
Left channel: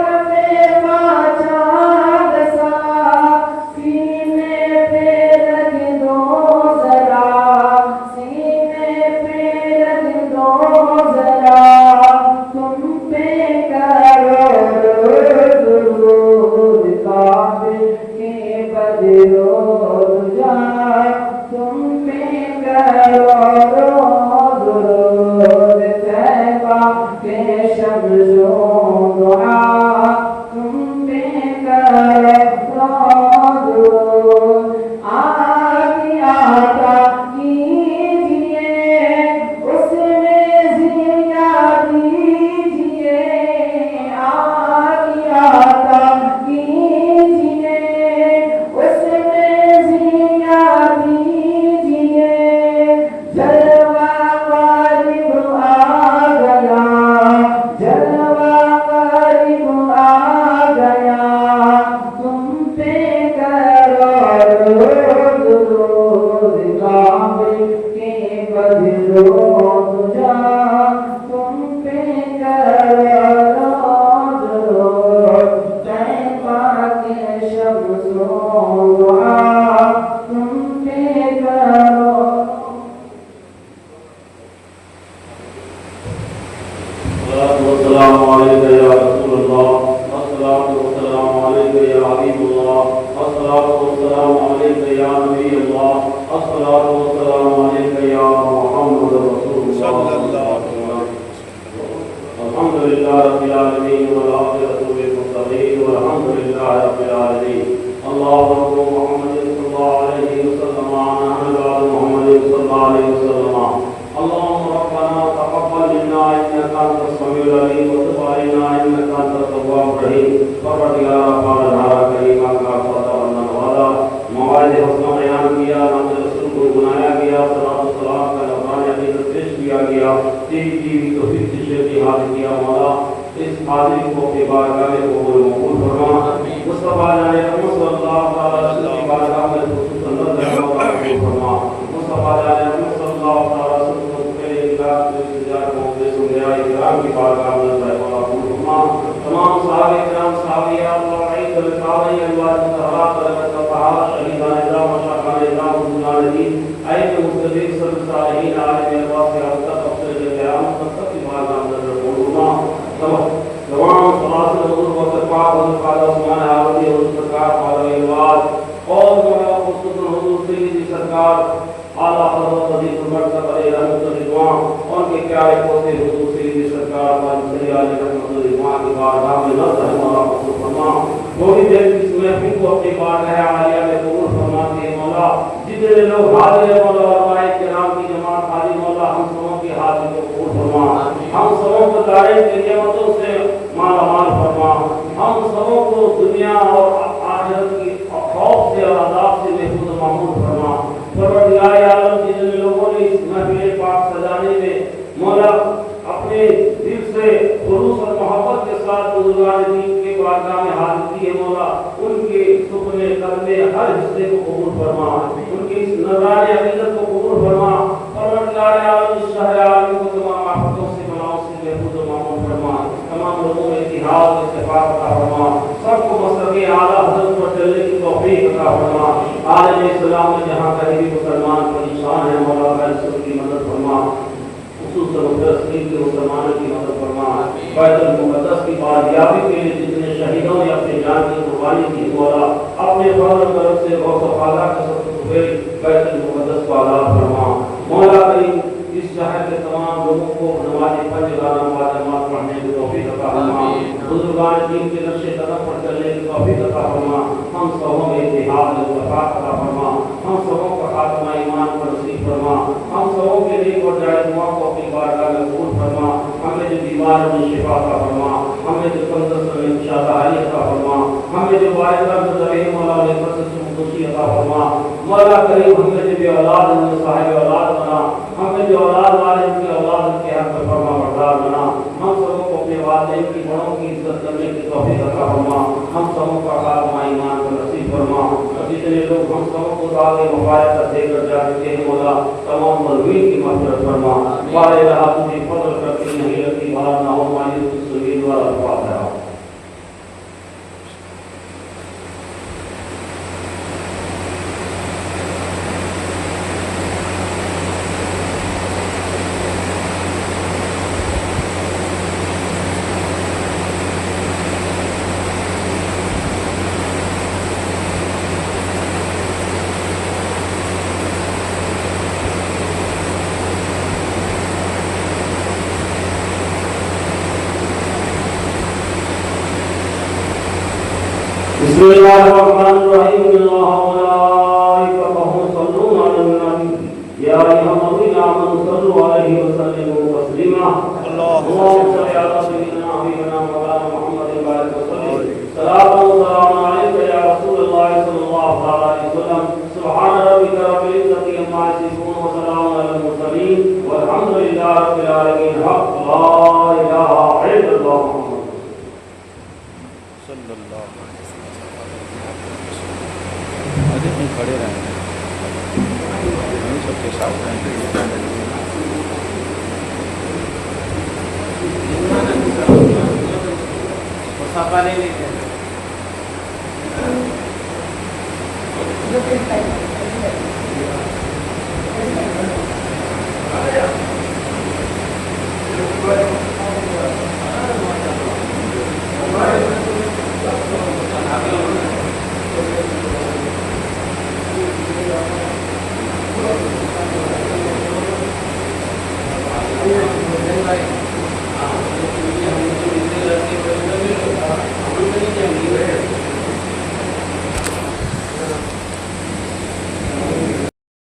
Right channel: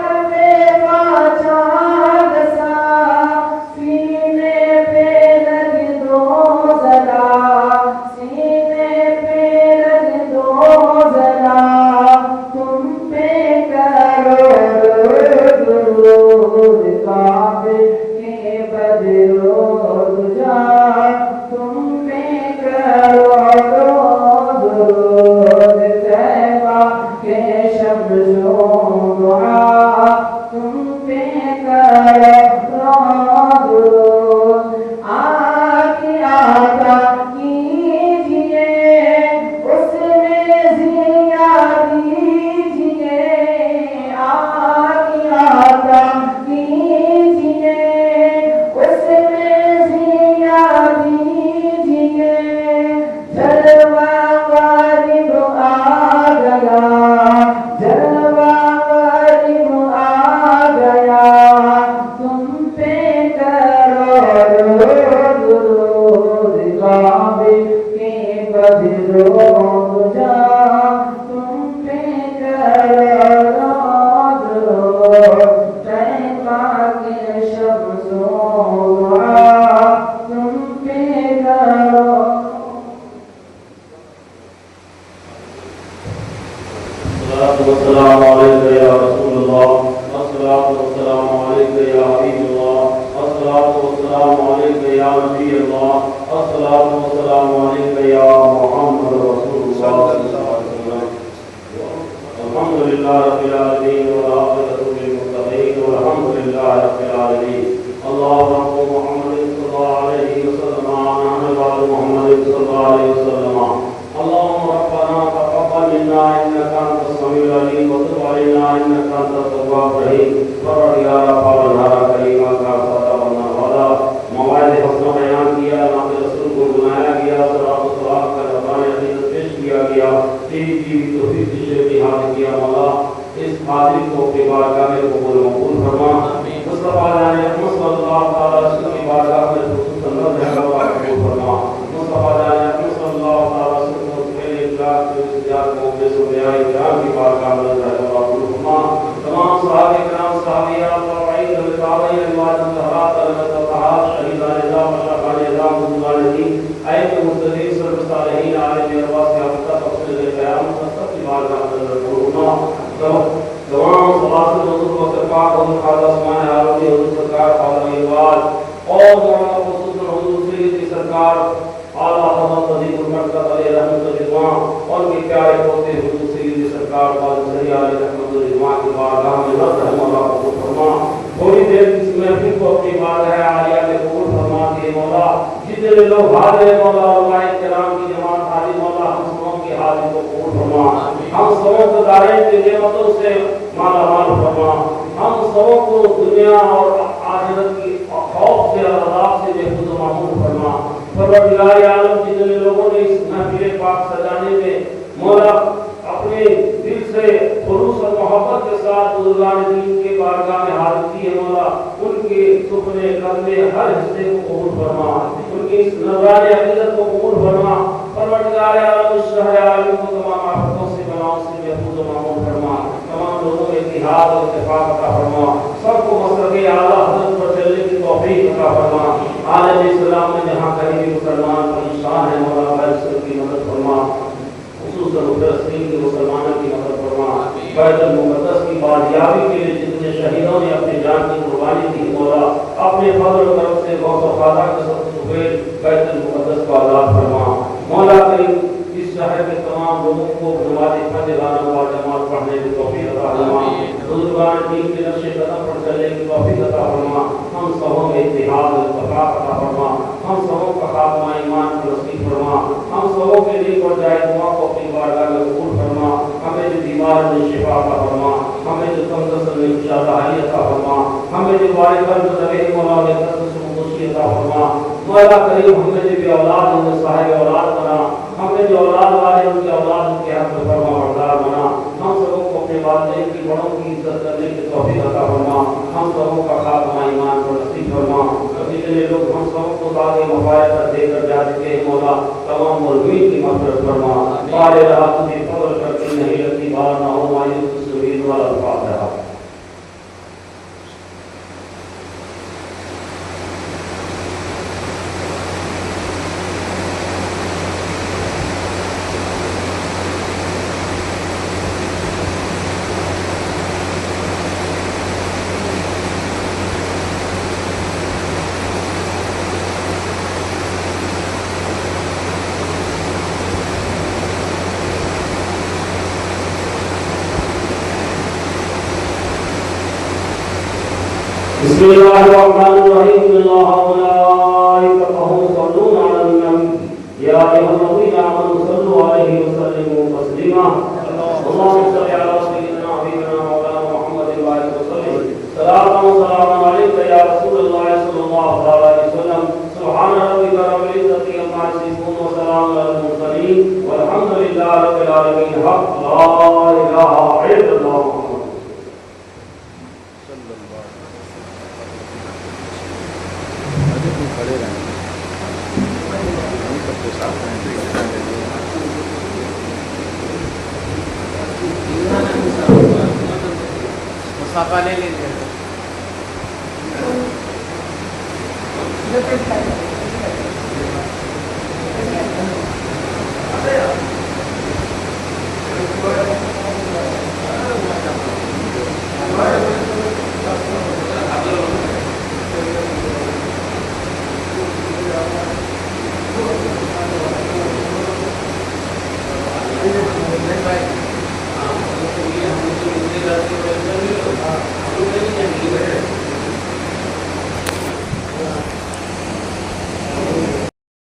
کبھی پہچان سا سینے پہ لگ دو ذرا سینے پہ لگ دو ذرا تم پہ کرو درود کعبے کے بدرود تم پہ کرو درود طیبہ کے شمس و دعا تم پہ کرو درود آگے آتا کیجئے اس میں ضیا دیجئے آگے آتا کیجئے اس میں ضیا دیجئے جلوہ غالب آ گیا جلوہ غالب آ گیا تم پہ کرو درود کعبے کے بدرود تم پہ کرو درود طیبہ کے شمس و دعا تم پہ کرو السلام علیکم یا رسول اللہ السلام علیکم یا حبیب اللہ السلام علیکم یا نبی اللہ السلام علیکم یا محمد رسول اللہ الحمدللہ رب العالمین والعاقبۃ للمتقین والحمدللہ رب العالمین اللہم محمد صلی اللہ علیہ وسلم محمد صلی اللہ علیہ وسلم اللهم ربنا تقبل منا انك انت السميع العليم وتب علينا انك انت التواب الرحيم فرج يا رب العالمين كريما کا فتحنا والا موعد حسن بیان کیا نام رسول کو بنایا گیا صلاۃ والسلام کا نورانی عقیدت پیش کیا گیا تیری کی توفیق سے کی حاضر کیا مولا اس حاضری کو اپنی بارگاہ میں قبول مقبول فرما مصطفیٰ جان احمد صلی اللہ تعالی علیہ وسلم کی بارگاہ میں خصوصاً نظر قبول فرما مصطفیٰ جان احمد صلی اللہ تعالی علیہ وسلم تمام صحابہ کرام صحابیہ اللہ علیہ وسلم انوار الصحابہ المتطہرات شہیدان اللہ مشاہدان اللہ حضوران دین ایت مصدق سر صالحین عالم ارواح سے افضل تفصیل قیامت تک بار نامزد علماء تمام صلاة حضور وقت پاک حضور خاص عثمان عالمی حضور سرکار خاص انوار اور مولانا خصوصاً حضور سیدی سرکار اعلیٰ حضرت عظیم المرتبہ علیہ رحمۃ اللہ اور کے پیارے پوتے حضور سیدی سرکار والد صلی علیہ رحمۃ اللہ کی بارگاہ میں نظر مولا قبول فرما تھوڑی دیر اس محفل کو اپنی بارگاہ عالیہ میں قبول فرما دے مولا جتنے لوگ حاضر ہیں مولا علماء کرام کی جماعت حاضر مولا ہم سبوں کی حاضر کو قبول فرما ہم سبوں کو دارین کی نعمتوں سے مالا مال فرما ہم سبوں کو دنیا اور آخرت کی خوف سے اور عذاب سے محفوظ و محفوظ فرما پروردگار عالم جن لوگوں نے اس خلوص اور محبت کے ساتھ بزرگان دین کے بارگاہ میں حاضر کیے مولا، ان کے سپنے کرنے ہر حصے کو قبول فرما، ان کی اس نظار عقیدت کو قبول فرما، پروردگار عالم اس شہر عالم کو تمام آفتوں سے بلاؤں سے محفوظ و معمول فرما، تمام لوگوں میں اتحاد و اتفاق عطا فرما، سب کو مسلک اعلیٰ حضرت پر چلنے کی توفیق عطا فرما۔ عالم اسلام میں جہاں کہیں بھی مسلمان پریشان ہے مولا ہر سب کی مدد فرما، خصوصاً فلسطین کے مسلمانوں کی مدد فرما، بیت المقدس کی بازیابی کے لیے جتنے شہیدوں نے اپنی جان کی قربانی دی مولا، اپنے فضل و کرم سے غوث و خالہ کے سب بیت المقدس کو آزاد فرما۔ مولا کریم اس شہر کے تمام لوگوں کو نماز فجر با جماعت پڑھنے کی توفیق عطا فرما، بزرگان دین کے نقش قدم پر چلنے کی توفیق عطا فرما، ہم سبوں میں اتحاد و اتفاق عطا فرما، ہم سبوں کا خاتمہ ایمان پر نصیب فرما، ہم سبوں کے لیے اور جائے دعا کو اپنی بارگاہ میں قبول فرما، ہمیں جو بیمار میں شفا عطا فرما، ہمیں جو تندرست میں شادی عطا فرما، ہمیں جو والدین کو ذریعہ مولا نے قصص خوشی عطا فرما۔ مولا کریم ہمیں جو بے اولاد ہیں صاحب اولاد بنا، ہمیں جو اولاد والے ان کے اولاد ان کے حق میں فرما بردار بنا، ہم سبوں کو اپنے والدین کی بڑوں کی عزت کرنے کی توفیق عطا فرما، ہم سبوں کا خاتمہ ایمان پر نصیب فرما۔ جتنے لوگ ہم سبوں کو داغ وفایت دے کر جا چکے ہیں مولا تمام مظلومین کی مغفرت فرما، بارے رہا تجھے فضل کرتی نہیں رکھتی بار نہ ہو مایوس کی سبیل والا الفاظ ہے۔ بسم الله الرحمن الرحيم، إن الله وملائكته يصلون على النبي يا أيها الذين آمنوا صلوا عليه وسلموا تسليما اللهم صل على سيدنا حبيبنا مولانا محمد وعلى آله وسلم صلاة وسلام عليك يا رسول الله صلى الله عليه وسلم سبحان ربك رب العزة عما يصفون وسلام على المرسلين والحمد لله رب العالمين حق لا إله إلا الله مسافہ لے لیجیے